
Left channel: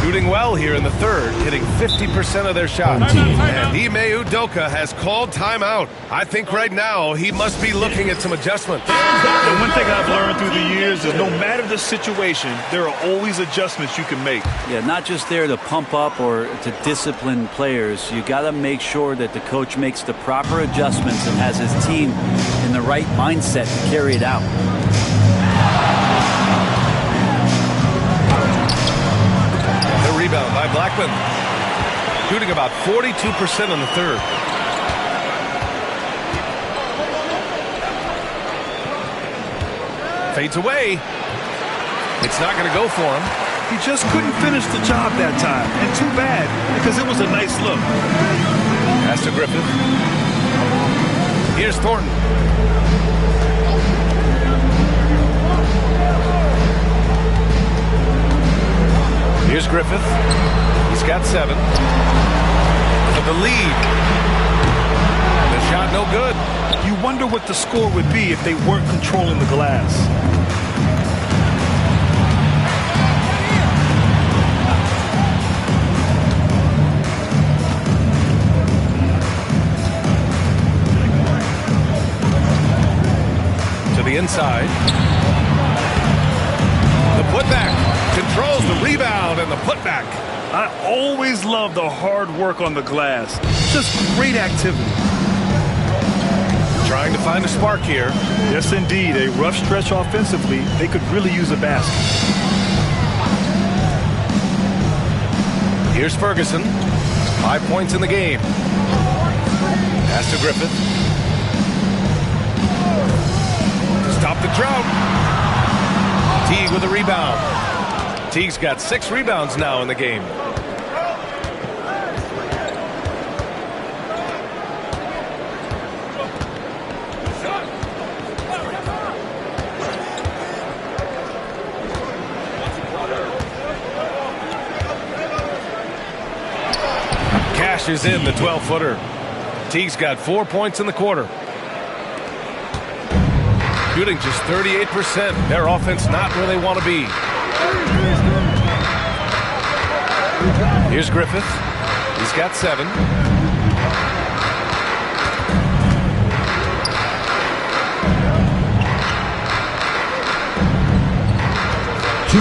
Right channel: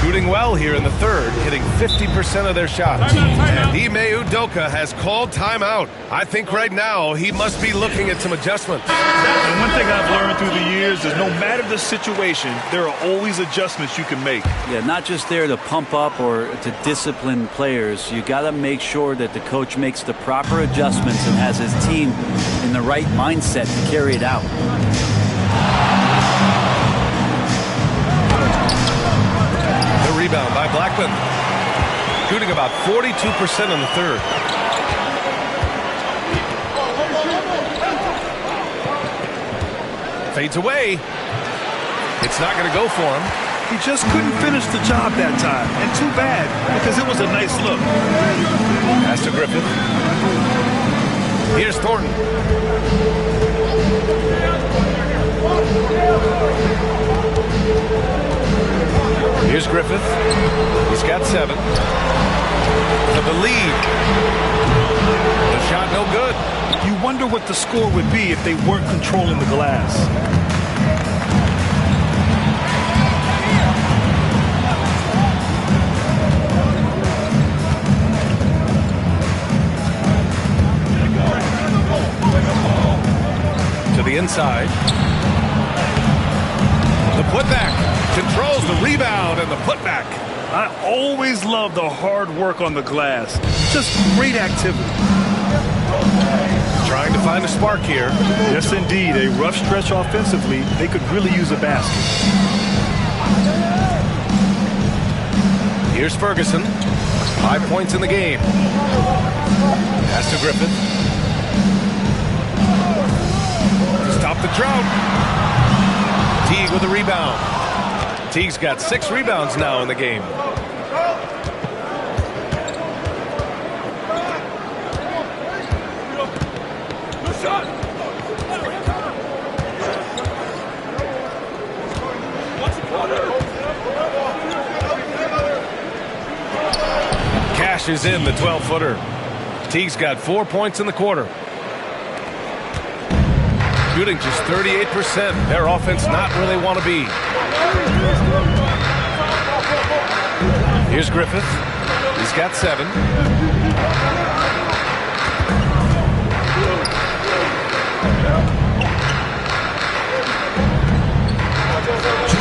Shooting well here in the third, hitting 50% of their shots. And Ime Udoka has called timeout. I think right now he must be looking at some adjustments. And one thing I've learned through the years is no matter the situation, there are always adjustments you can make. Yeah, not just there to pump up or to discipline players. You got to make sure that the coach makes the proper adjustments and has his team in the right mindset to carry it out. Rebound by Blackman. Shooting about 42% in the third. Fades away. It's not going to go for him. He just couldn't finish the job that time. And too bad, because it was a nice look. Pass to Griffith. Here's Thornton. Here's Griffith. He's got 7. For the lead. The shot no good. You wonder what the score would be if they weren't controlling the glass. To the inside. The putback. Controls the rebound and the putback. I always love the hard work on the glass. Just great activity. Trying to find a spark here. Yes, indeed. A rough stretch offensively. They could really use a basket. Here's Ferguson. 5 points in the game. Pass to Griffith. To stop the drought. Teague with a rebound. Teague's got 6 rebounds now in the game. Cashes in the 12-footer. Teague's got 4 points in the quarter. Shooting just 38%. Their offense not where they want to be. Here's Griffith. He's got 7.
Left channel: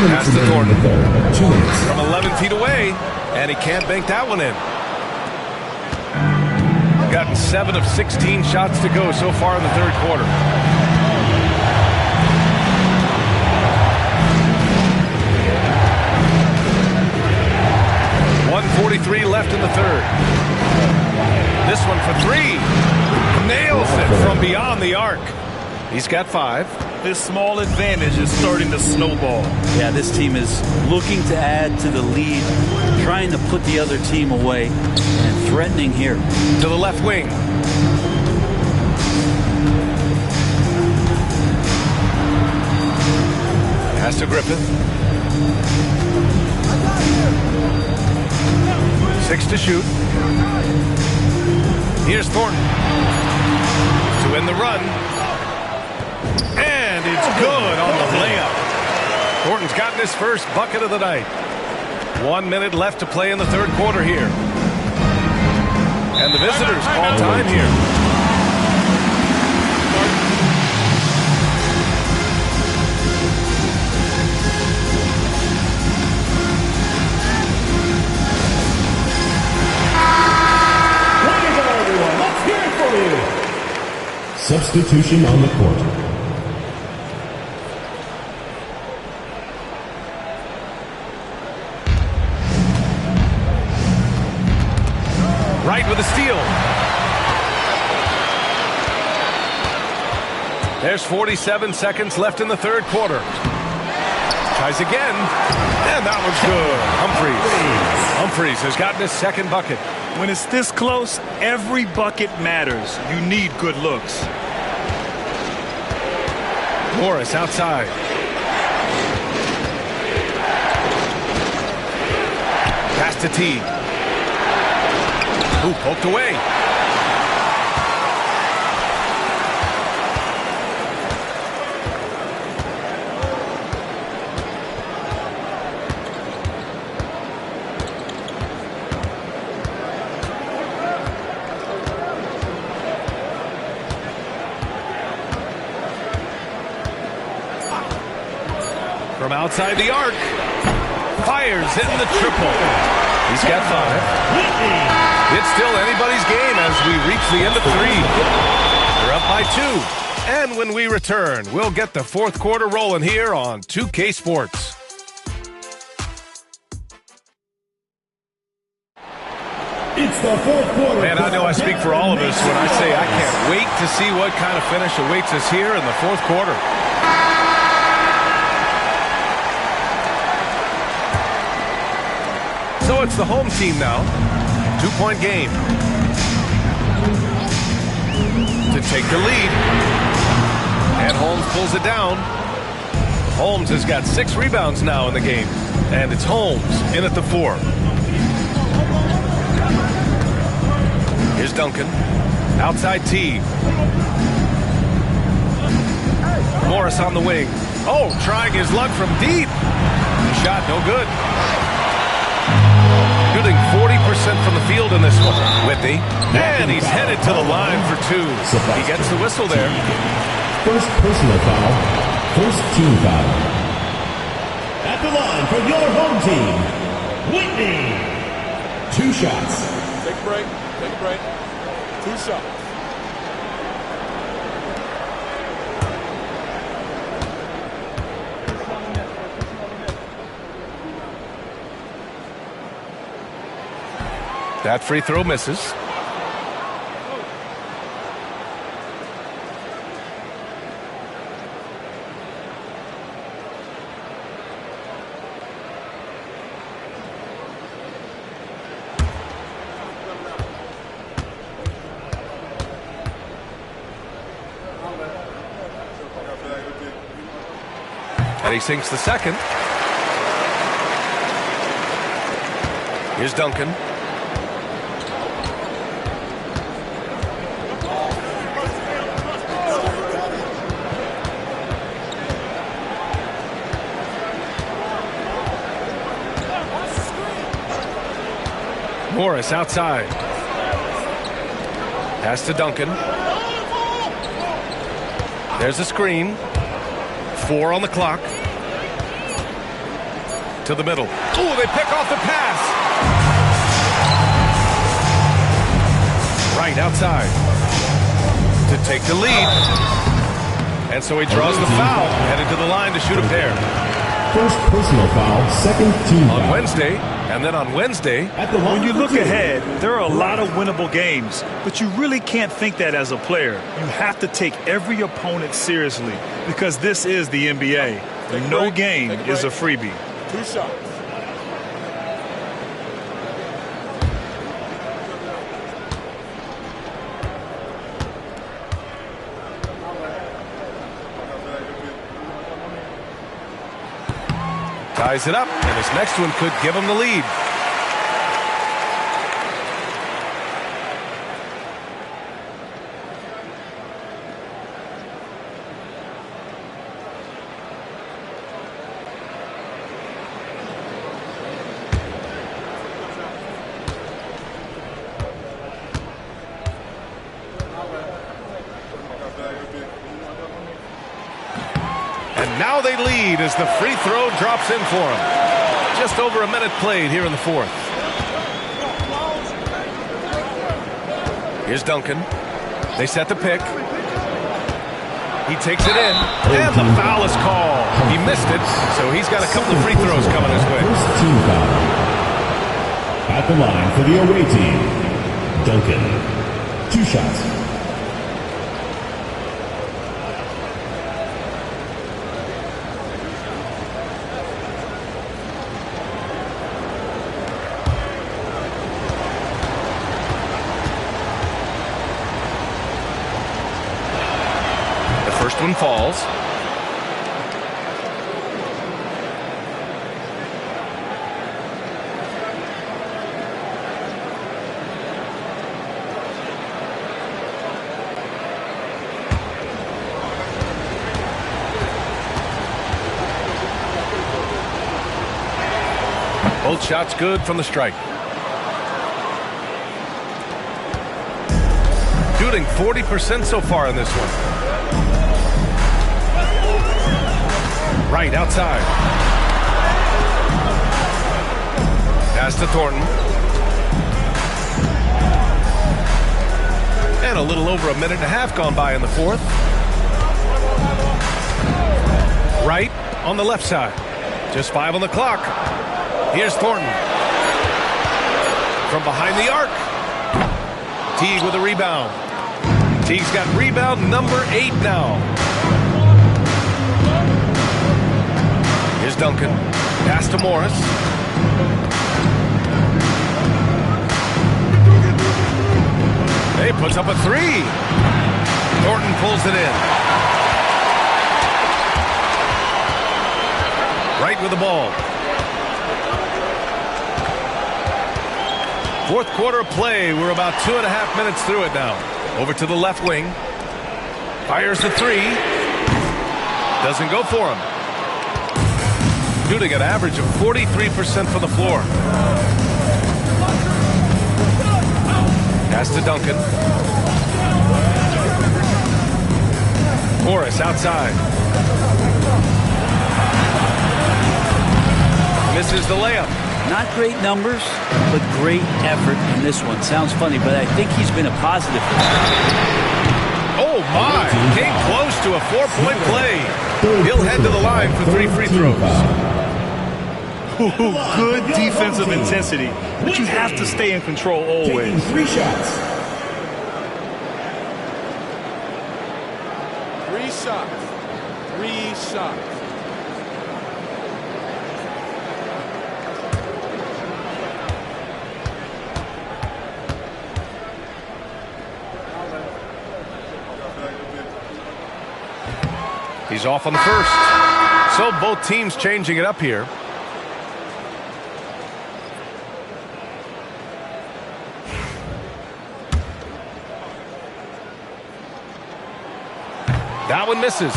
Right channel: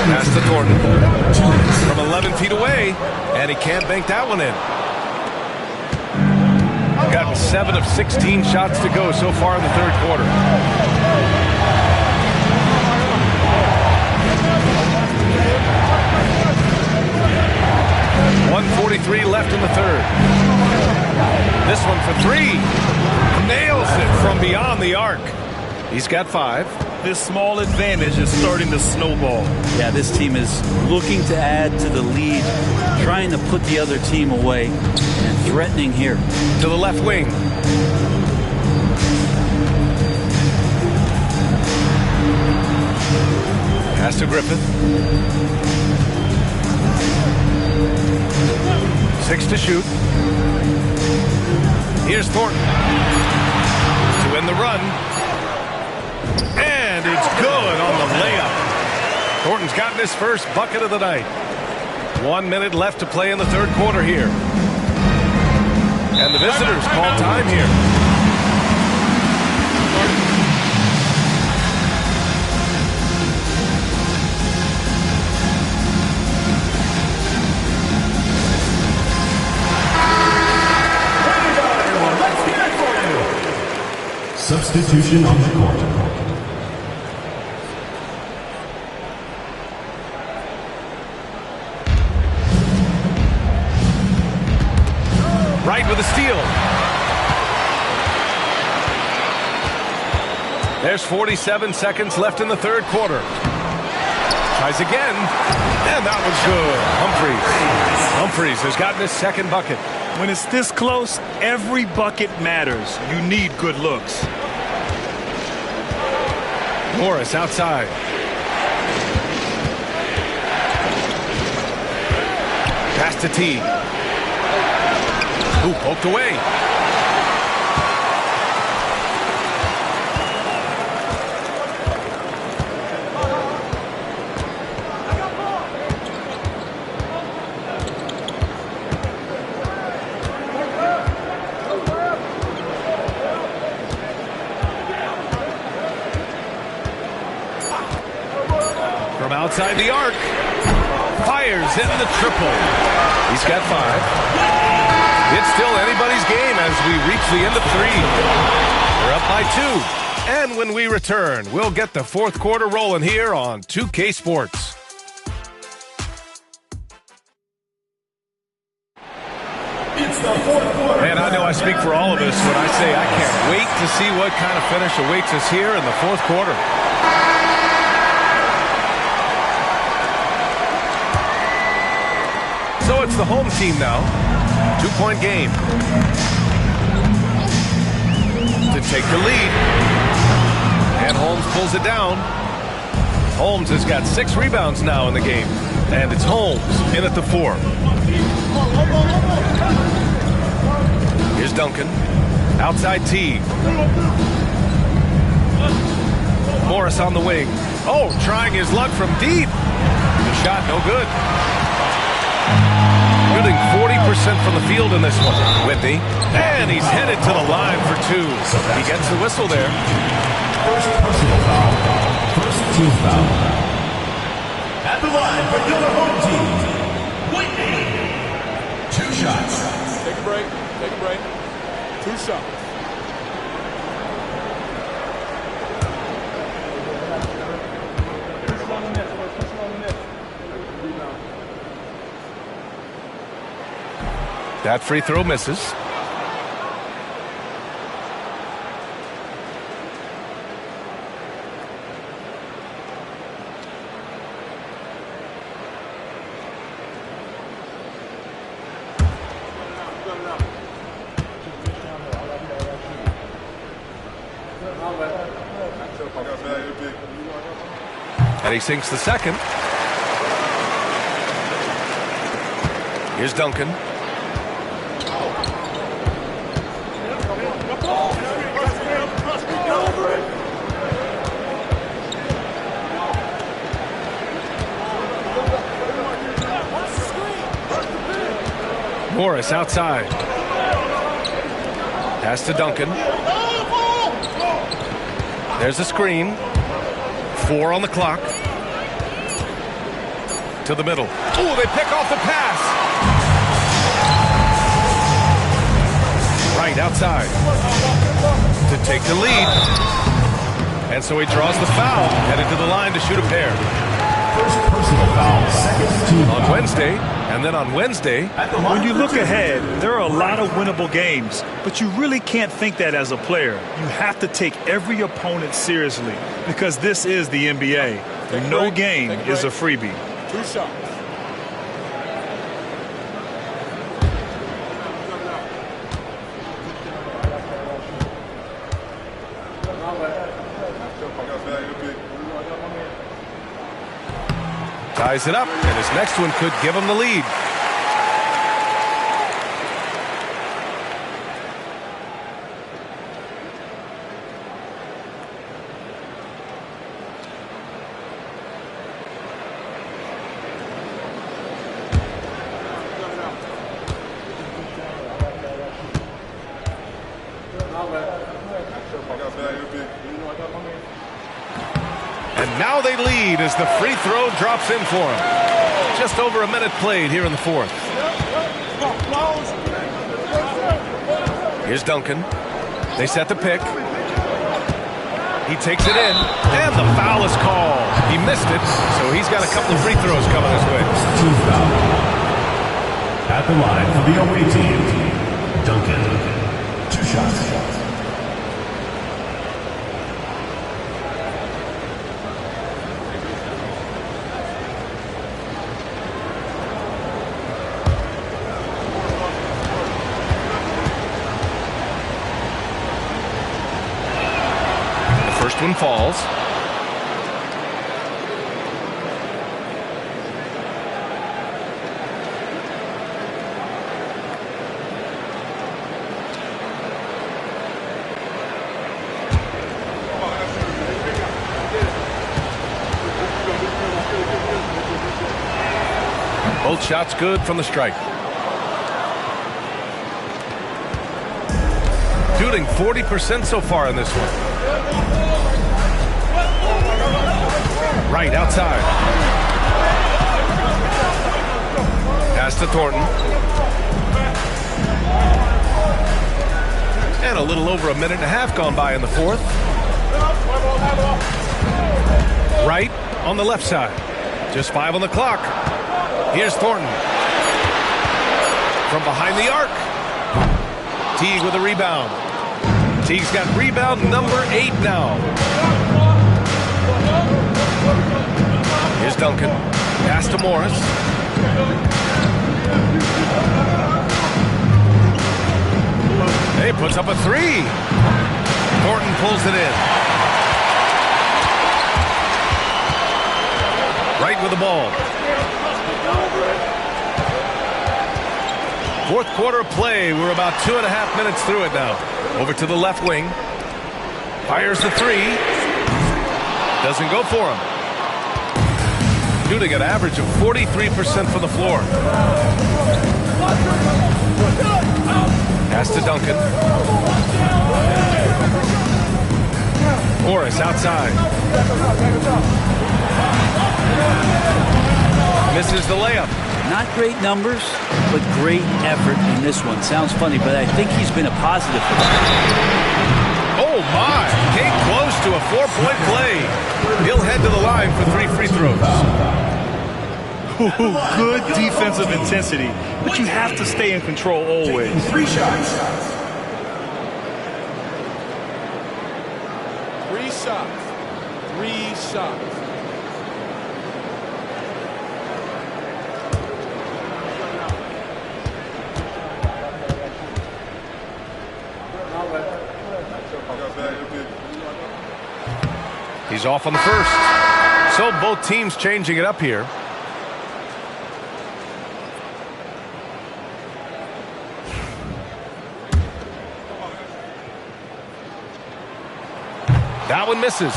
Pass to Thornton. From 11 feet away, and he can't bank that one in. Gotten 7 of 16 shots to go so far in the third quarter. .143 left in the third. This one for 3. Nails it from beyond the arc. He's got 5. This small advantage is starting to snowball. Yeah, this team is looking to add to the lead, trying to put the other team away, and threatening here. To the left wing. Pass to Griffith. 6 to shoot. Here's Thornton to end the run. And it's good on the layup. Thornton's gotten his first bucket of the night. 1 minute left to play in the third quarter here. And the visitors call time here. Substitution on the court. Right with a steal. There's 47 seconds left in the third quarter. Tries again. And that one's good. Humphries has gotten his second bucket. When it's this close, every bucket matters. You need good looks. Morris outside. Pass to Teague. Ooh, poked away. From outside the arc, fires in the triple. He's got 5. It's still anybody's game as we reach the end of 3. They're up by 2. And when we return, we'll get the fourth quarter rolling here on 2K Sports. It's the fourth quarter. And I know I speak for all of us when I say I can't wait to see what kind of finish awaits us here in the fourth quarter. So it's the home team now. 2-point game. To take the lead. And Holmes pulls it down. Holmes has got 6 rebounds now in the game. And it's Holmes in at the 4. Here's Duncan. Outside Teague. Morris on the wing. Oh, trying his luck from deep. The shot no good. Shooting 40% from the field in this one. Whitney. And he's headed to the line for 2. He gets the whistle there. First personal foul. First team foul. At the line for your home team, Whitney. 2 shots. Take a break. Take a break. 2 shots. That free throw misses. And he sinks the second. Here's Duncan. Morris outside. Pass to Duncan. There's a screen. 4 on the clock. To the middle. Oh, they pick off the pass. Right outside. To take the lead. And so he draws the foul. Headed to the line to shoot a pair. First personal foul, second team foul. On Wednesday, and then on Wednesday. When you look ahead, there are a lot of winnable games, but you really can't think that as a player. You have to take every opponent seriously because this is the NBA. No game is a freebie. 2 shots. Ties it up, and his next one could give him the lead. And now they lead as the free throw drops in for him. Just over a minute played here in the fourth. Here's Duncan. They set the pick. He takes it in, and the foul is called. He missed it, so he's got a couple of free throws coming his way. First team foul. At the line for the away team, Duncan. 2 shots. First one falls. Both shots good from the strike. Shooting 40% so far in this one. Right outside. Pass to Thornton. And a little over a minute and a half gone by in the fourth. Right on the left side. Just 5 on the clock. Here's Thornton. From behind the arc. Teague with a rebound. Teague's got rebound number 8 now. Here's Duncan. Pass to Morris. Hey, puts up a 3. Thornton pulls it in. Right with the ball. Fourth quarter of play. We're about 2.5 minutes through it now. Over to the left wing. Fires the 3. Doesn't go for him. Shooting an average of 43% from the floor. Pass to Duncan. Morris outside. Misses the layup. Not great numbers, but great effort in this one. Sounds funny, but I think he's been a positive for that. Oh, my. Came close to a 4-point play. He'll head to the line for 3 free throws. Good defensive intensity, but you have to stay in control always. 3 shots. 3 shots. 3 shots. He's off on the first. So both teams changing it up here. That one misses.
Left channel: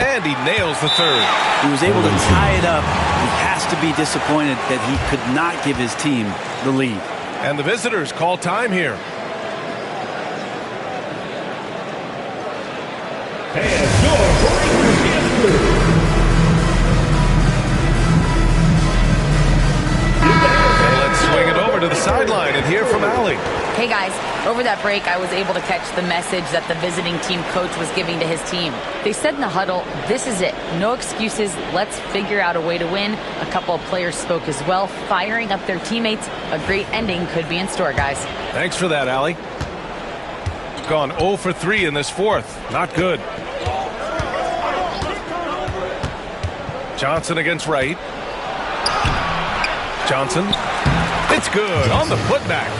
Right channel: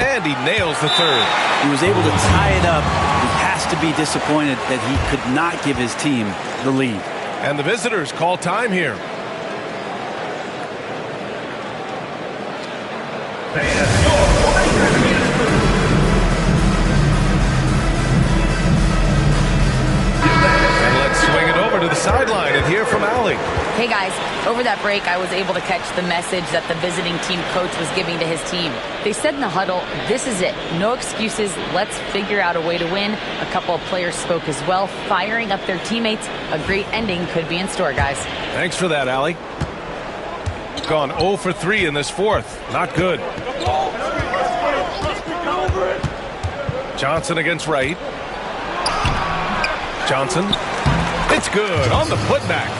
And And he nails the third. He was able to tie it up. He has to be disappointed that he could not give his team the lead. And the visitors call time here. And let's swing it over to the sideline and hear from Allie. Hey guys, over that break I was able to catch the message that the visiting team coach was giving to his team. They said in the huddle, this is it, no excuses, let's figure out a way to win. A couple of players spoke as well, firing up their teammates. A great ending could be in store, guys. Thanks for that, Allie. Gone 0 for 3 in this fourth. Not good. Johnson against Wright. Johnson. It's good on the putback.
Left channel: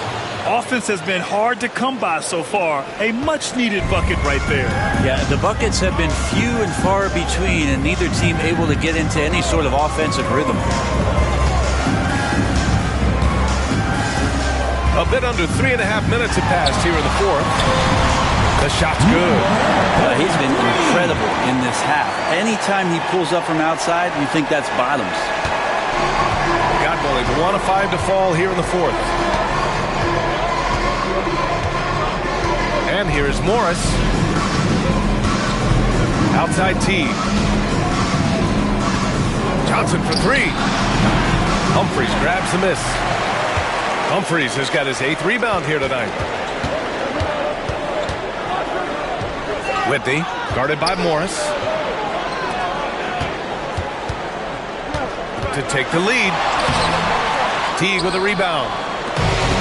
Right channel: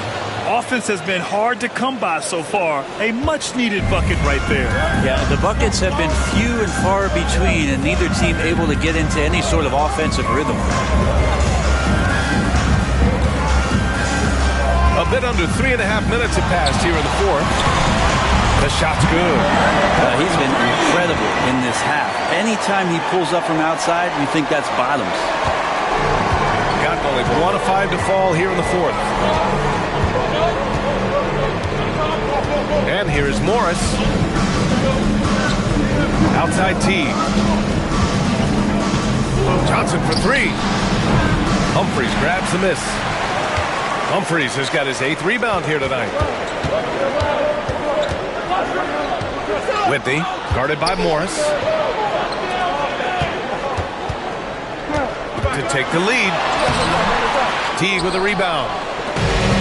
Offense has been hard to come by so far. A much-needed bucket right there. Yeah, the buckets have been few and far between, and neither team able to get into any sort of offensive rhythm. A bit under 3.5 minutes have passed here in the fourth. The shot's good. He's been incredible in this half. Anytime he pulls up from outside, you think that's bottoms. Got only 1 of 5 to fall here in the fourth. And here is Morris. Outside T. Johnson for 3. Humphries grabs the miss. Humphries has got his 8th rebound here tonight. Whitney, guarded by Morris. To take the lead. Teague with a rebound.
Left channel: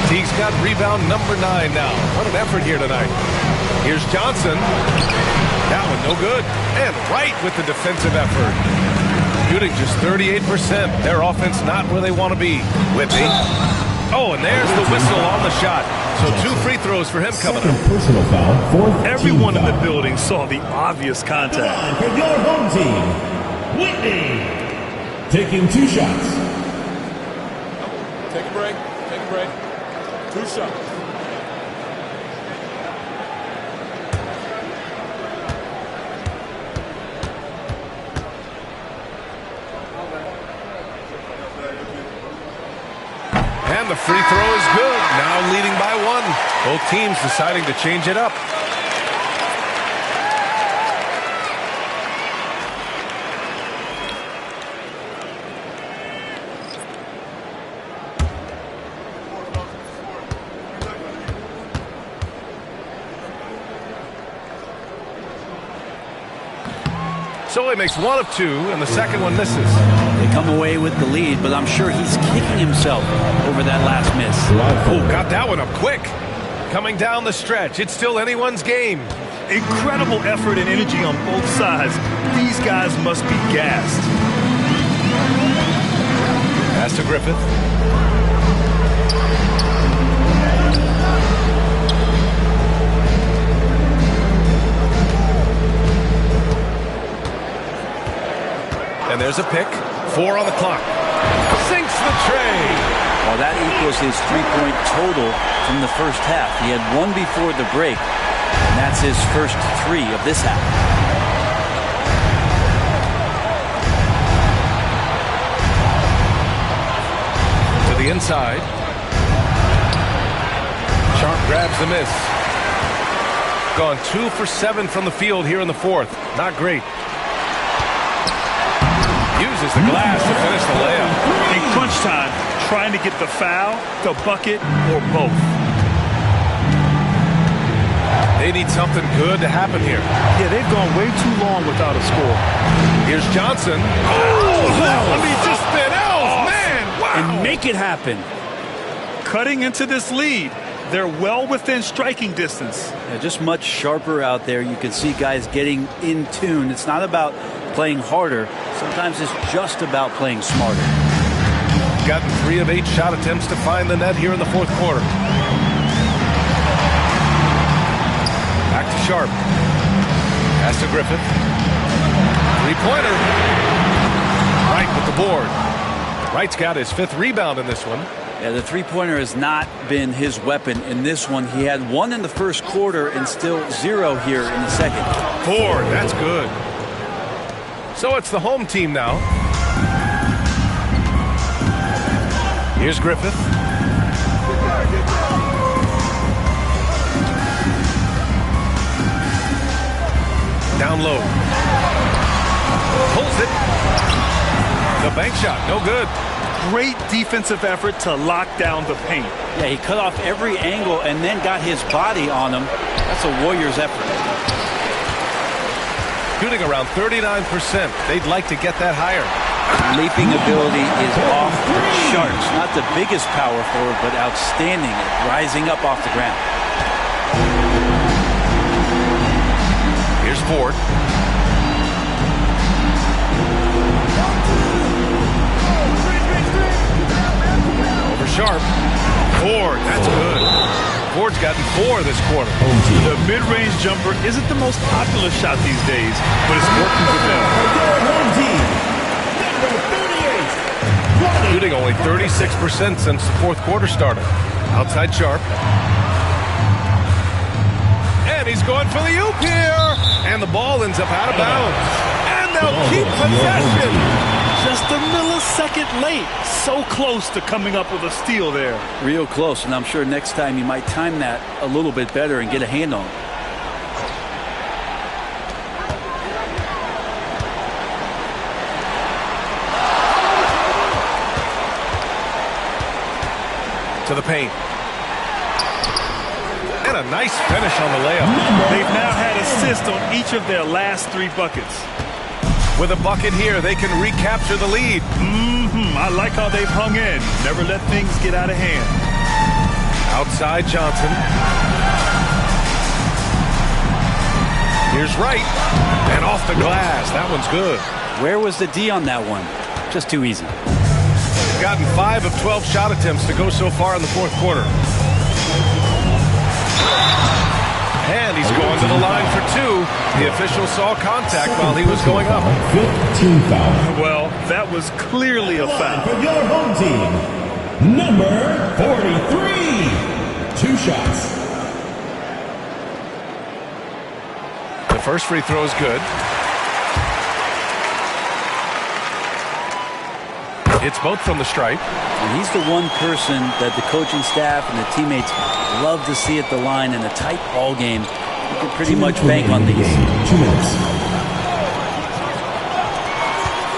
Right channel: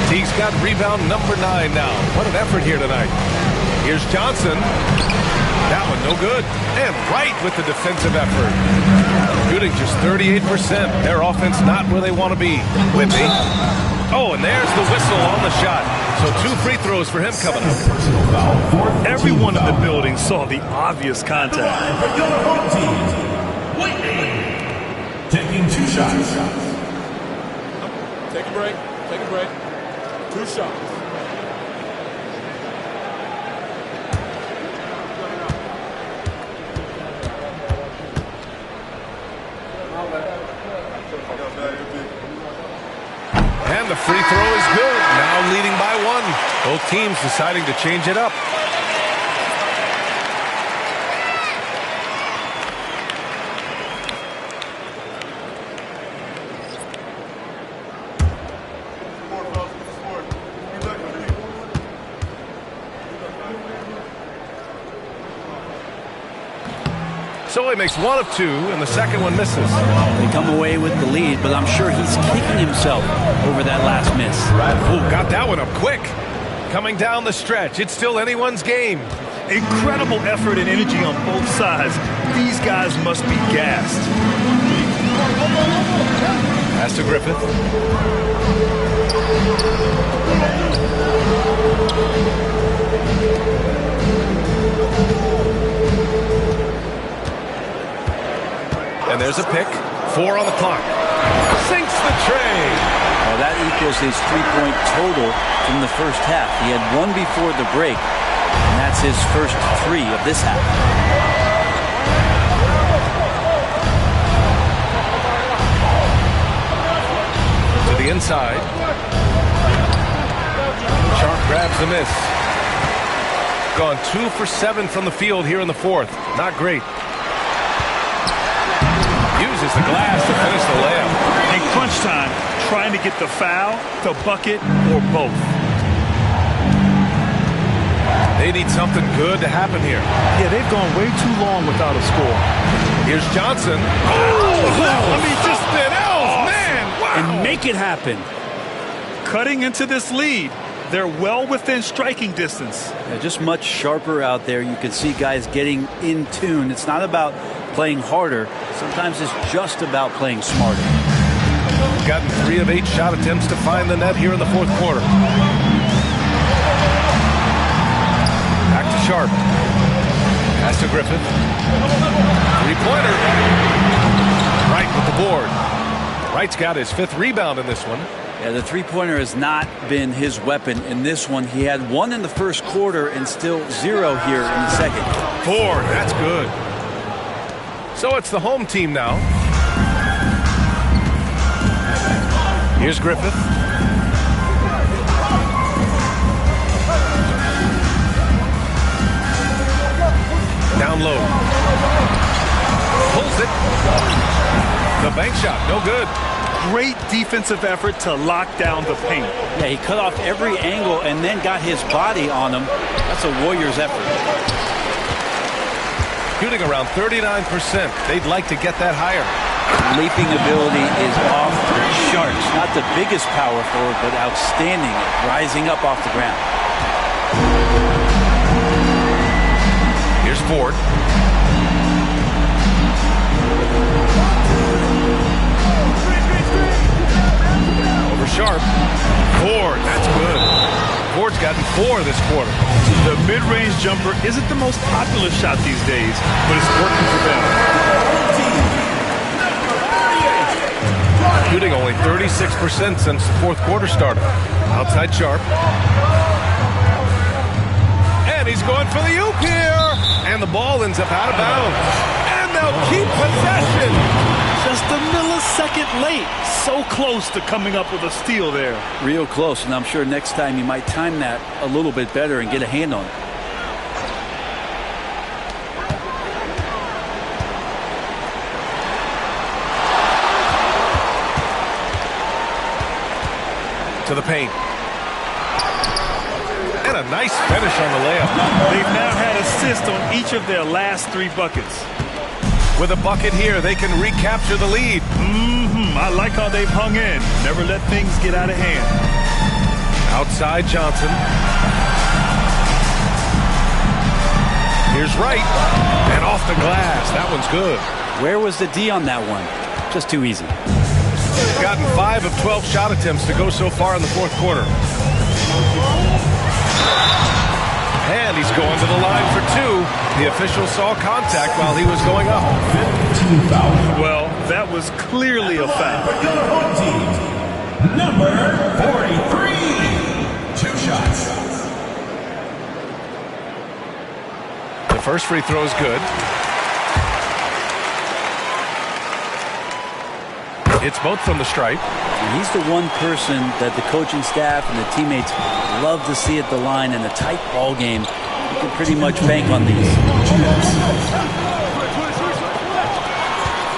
Teague's got rebound number 9 now. What an effort here tonight. Here's Johnson. That one no good. And Wright with the defensive effort. Shooting just 38%. Their offense not where they want to be. Whitney. Oh, and there's the whistle on the shot. So 2 free throws for him coming up. Personal foul. Everyone in the building saw the obvious contact. For your home team, Whitney. Taking 2 shots. Take a break. Take a break. 2 shots. And the free throw is good. Now leading by 1. Both teams deciding to change it up. So he makes 1 of 2, and the second one misses. They come away with the lead, but I'm sure he's kicking himself over that last miss. Oh, got that one up quick. Coming down the stretch. It's still anyone's game. Incredible effort and energy on both sides. These guys must be gassed. Pass to Griffith. And there's a pick. 4 on the clock. Sinks the tray. Well, that equals his 3-point total from the first half. He had 1 before the break, and that's his first 3 of this half. To the inside. Sharp grabs the miss. Gone 2 for 7 from the field here in the fourth. Not great. Uses the glass to finish the layup. In crunch time, trying to get the foul, the bucket, or both. They need something good to happen here. Yeah, they've gone way too long without a score. Here's Johnson. I mean, just something else, man. Wow. And make it happen. Cutting into this lead. They're well within striking distance. Yeah, just much sharper out there. You can see guys getting in tune. It's not about playing harder. Sometimes it's just about playing smarter. Gotten 3 of 8 shot attempts to find the net here in the fourth quarter. Back to Sharp. Pass to Griffith. 3-pointer. Wright with the board. Wright's got his 5th rebound in this one. Yeah, the 3-pointer has not been his weapon in this one. He had 1 in the first quarter and still 0 here in the second. 4, that's good. So it's the home team now. Here's Griffith. Down low. Pulls it. The bank shot, no good. Great defensive effort to lock down the paint. Yeah, he cut off every angle and then got his body on him. That's a Warriors effort. Shooting around 39%. They'd like to get that higher. Leaping ability is off the charts. Not the biggest power forward, but outstanding at rising up off the ground. Here's Ford. Over Sharp. Ford, that's good. Ford's gotten 4 this quarter. The mid-range jumper isn't the most popular shot these days, but it's working for them. Shooting only 36% since the fourth quarter started. Outside Sharp. And he's going for the oop here. And the ball ends up out of bounds. And they'll keep possession. Just a millisecond late. So close to coming up with a steal there. Real close, and I'm sure next time you might time that a little bit better and get a hand on it. To the paint. And a nice finish on the layup. They've now had assists on each of their last 3 buckets. With a bucket here, they can recapture the lead. I like how they've hung in. Never let things get out of hand. Outside Johnson. Here's Wright. And off the glass. That one's good. Where was the D on that one? Just too easy. Gotten 5 of 12 shot attempts to go so far in the fourth quarter. And he's going to the line for 2. The official saw contact while he was going up. 15 foul. Well, that was clearly a foul. For your home team, number 43. 2 shots. The first free throw is good. It's both from the stripe. And he's the one person that the coaching staff and the teammates love to see at the line in a tight ball game. You can pretty much bank on these.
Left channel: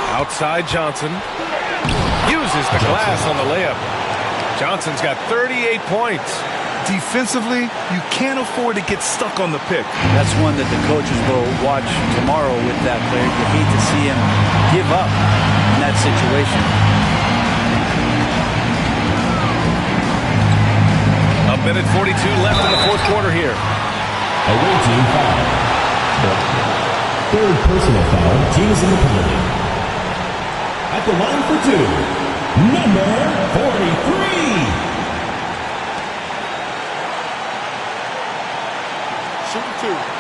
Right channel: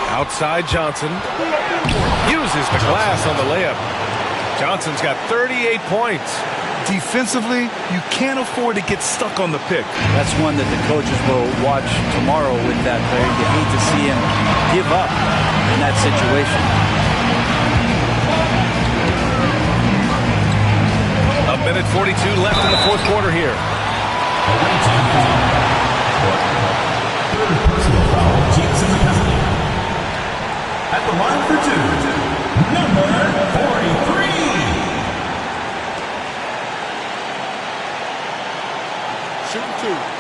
Outside Johnson. Uses the glass on the layup. Johnson's got 38 points. Defensively, you can't afford to get stuck on the pick. That's one that the coaches will watch tomorrow with that player. You hate to see him give up in that situation. A minute 42 left in the fourth quarter here. Away team foul. 3rd personal foul. Team is in the penalty. At the line for 2, number 43. Shooting 2.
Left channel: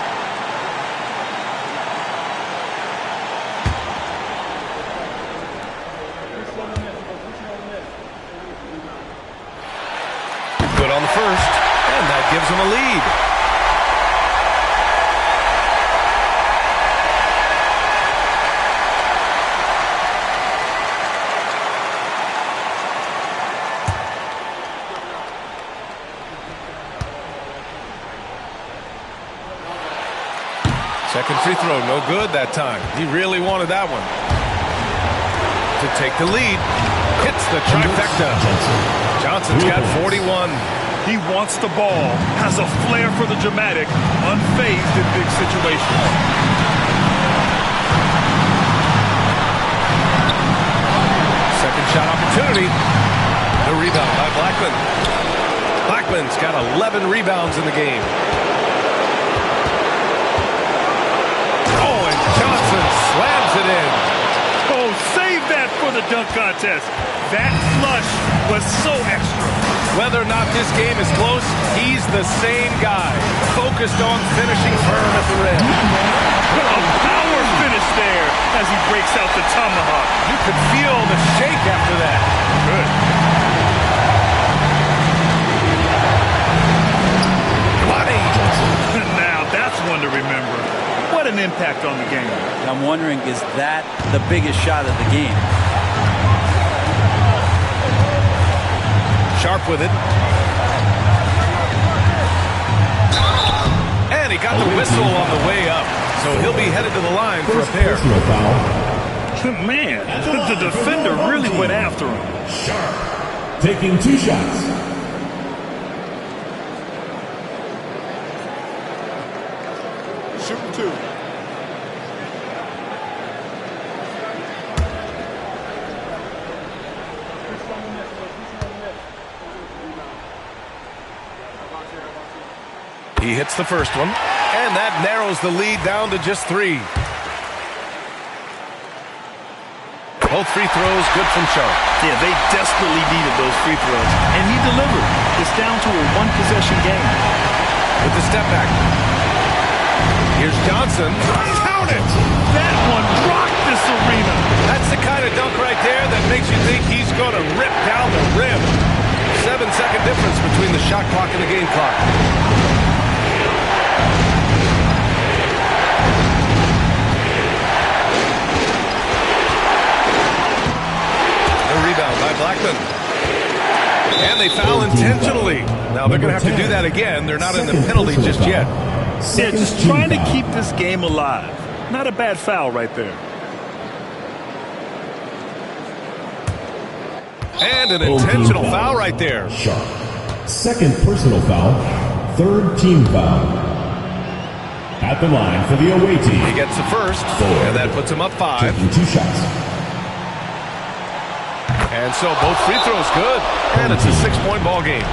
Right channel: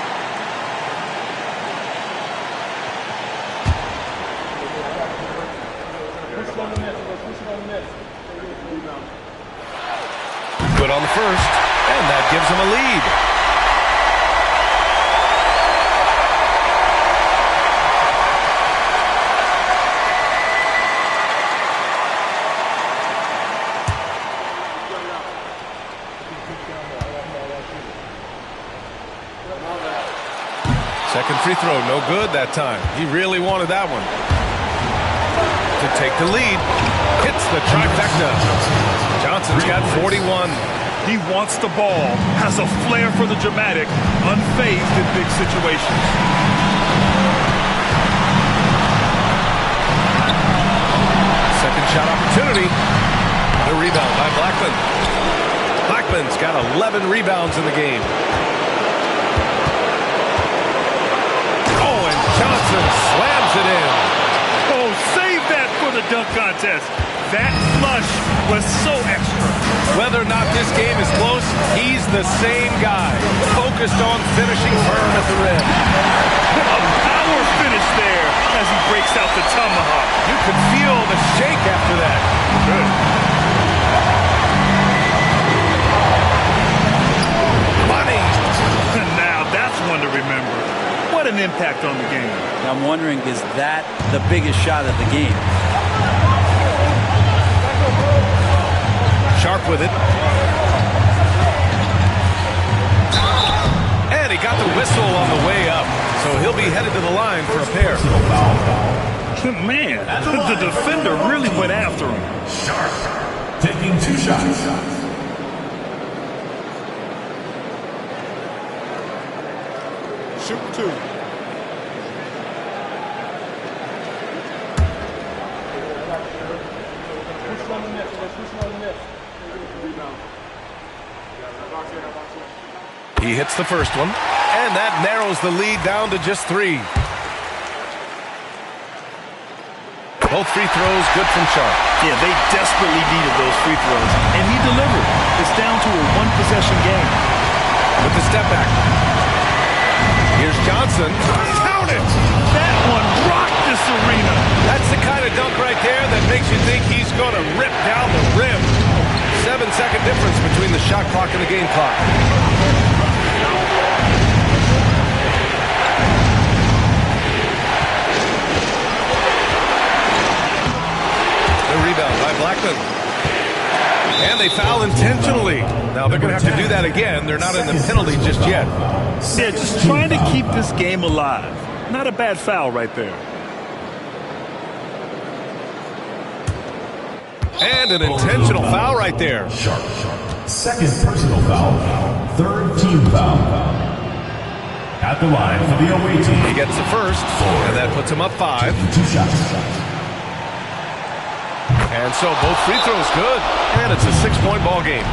Good on the first, and that gives them a lead. Second free throw, no good that time. He really wanted that one. To take the lead, hits the trifecta. Johnson's got 41. He wants the ball, has a flair for the dramatic, unfazed in big situations. Second shot opportunity. The rebound by Blackman. Blackman's got 11 rebounds in the game. Oh, and Johnson slams it in. Oh, save that for the dunk contest. That flush was so extra. Whether or not this game is close, he's the same guy, focused on finishing firm at the rim. A power finish there as he breaks out the tomahawk. You could feel the shake after that. Good. Money. Now that's one to remember. What an impact on the game. I'm wondering, is that the biggest shot of the game? Sharp with it. And he got the whistle on the way up. So he'll be headed to the line for a pair. Personal foul. Man, the defender really went after him. Sharp taking 2 shots. Shooting 2. He hits the first one, and that narrows the lead down to just 3. Both free throws good from Sharp. Yeah, they desperately needed those free throws, and he delivered. It's down to a one-possession game. With the step back. Here's Johnson. Count it! That one rocked this arena. That's the kind of dunk right there that makes you think he's going to rip down the rim. 7-second difference between the shot clock and the game clock. The rebound by Blackman. And they foul intentionally. Now they're going to have to do that again. They're not in the penalty just yet. Yeah, just trying to keep this game alive. Not a bad foul right there. And an intentional foul right there. Sharp. Second personal foul. Third team foul. At the line for the away team. He gets the first, and that puts him up 5. Taking 2 shots. And so both free throws good, and it's a 6-point ball game.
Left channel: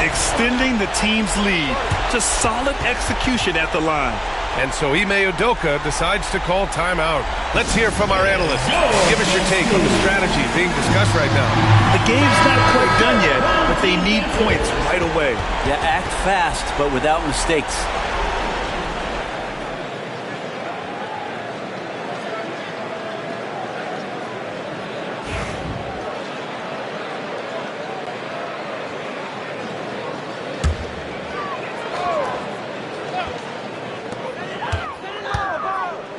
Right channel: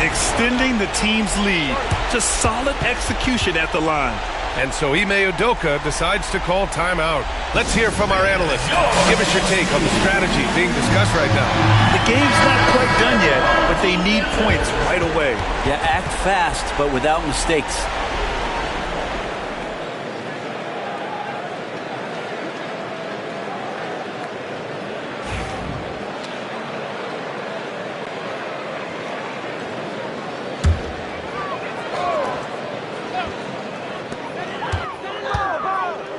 Extending the team's lead. Just solid execution at the line. And so Ime Udoka decides to call timeout. Let's hear from our analyst. Give us your take on the strategy being discussed right now. The game's not quite done yet, but they need points right away. Yeah, act fast, but without mistakes.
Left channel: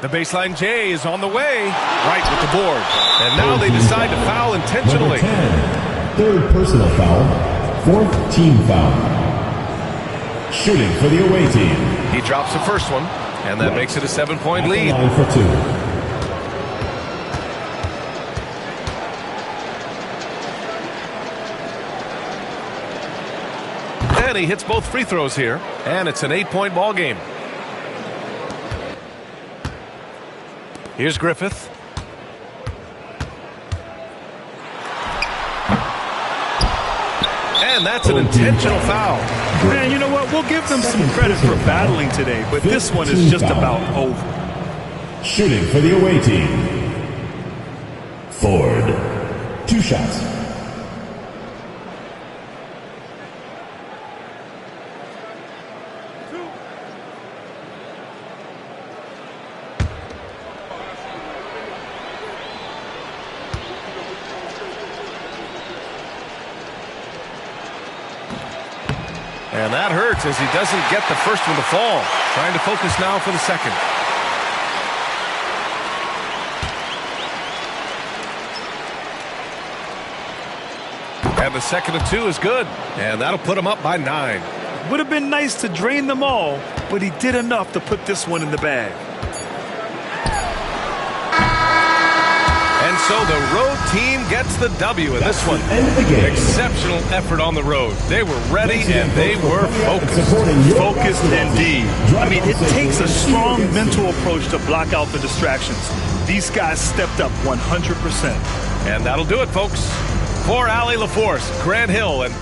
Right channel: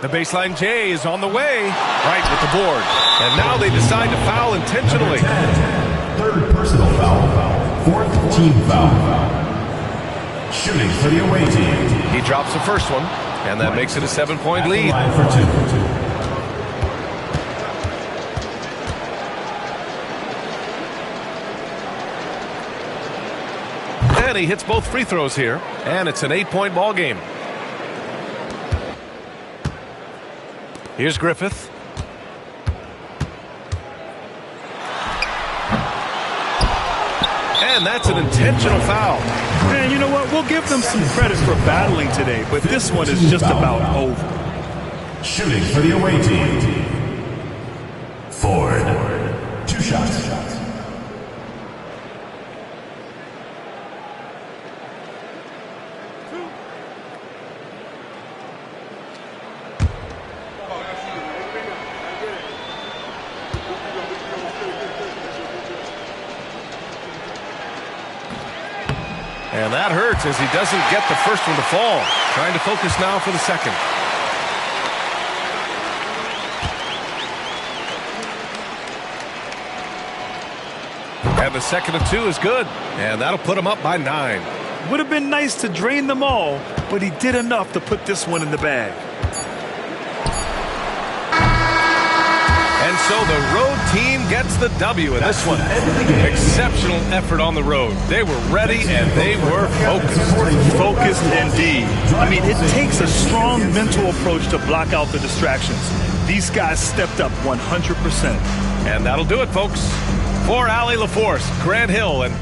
The baseline J is on the way, right with the board. And now they decide to foul intentionally. Third personal foul. Fourth team foul. Shooting for the away team. He drops the first one, and that makes it a 7-point lead. Line for 2. And he hits both free throws here, and it's an 8-point ball game. Here's Griffith. And that's an intentional foul. Man, you know what? We'll give them some credit for battling today, but this one is just about over. Shooting for the away team. Ford. 2 shots. And that hurts as he doesn't get the first one to fall. Trying to focus now for the second. And the second of 2 is good. And that'll put him up by 9. Would have been nice to drain them all, but he did enough to put this one in the bag. And so the road team gets the W in this one. Exceptional effort on the road. They were ready and they were focused. Focused indeed. I mean, it takes a strong mental approach to block out the distractions. These guys stepped up 100%. And that'll do it, folks. For Allie LaForce, Grant Hill, and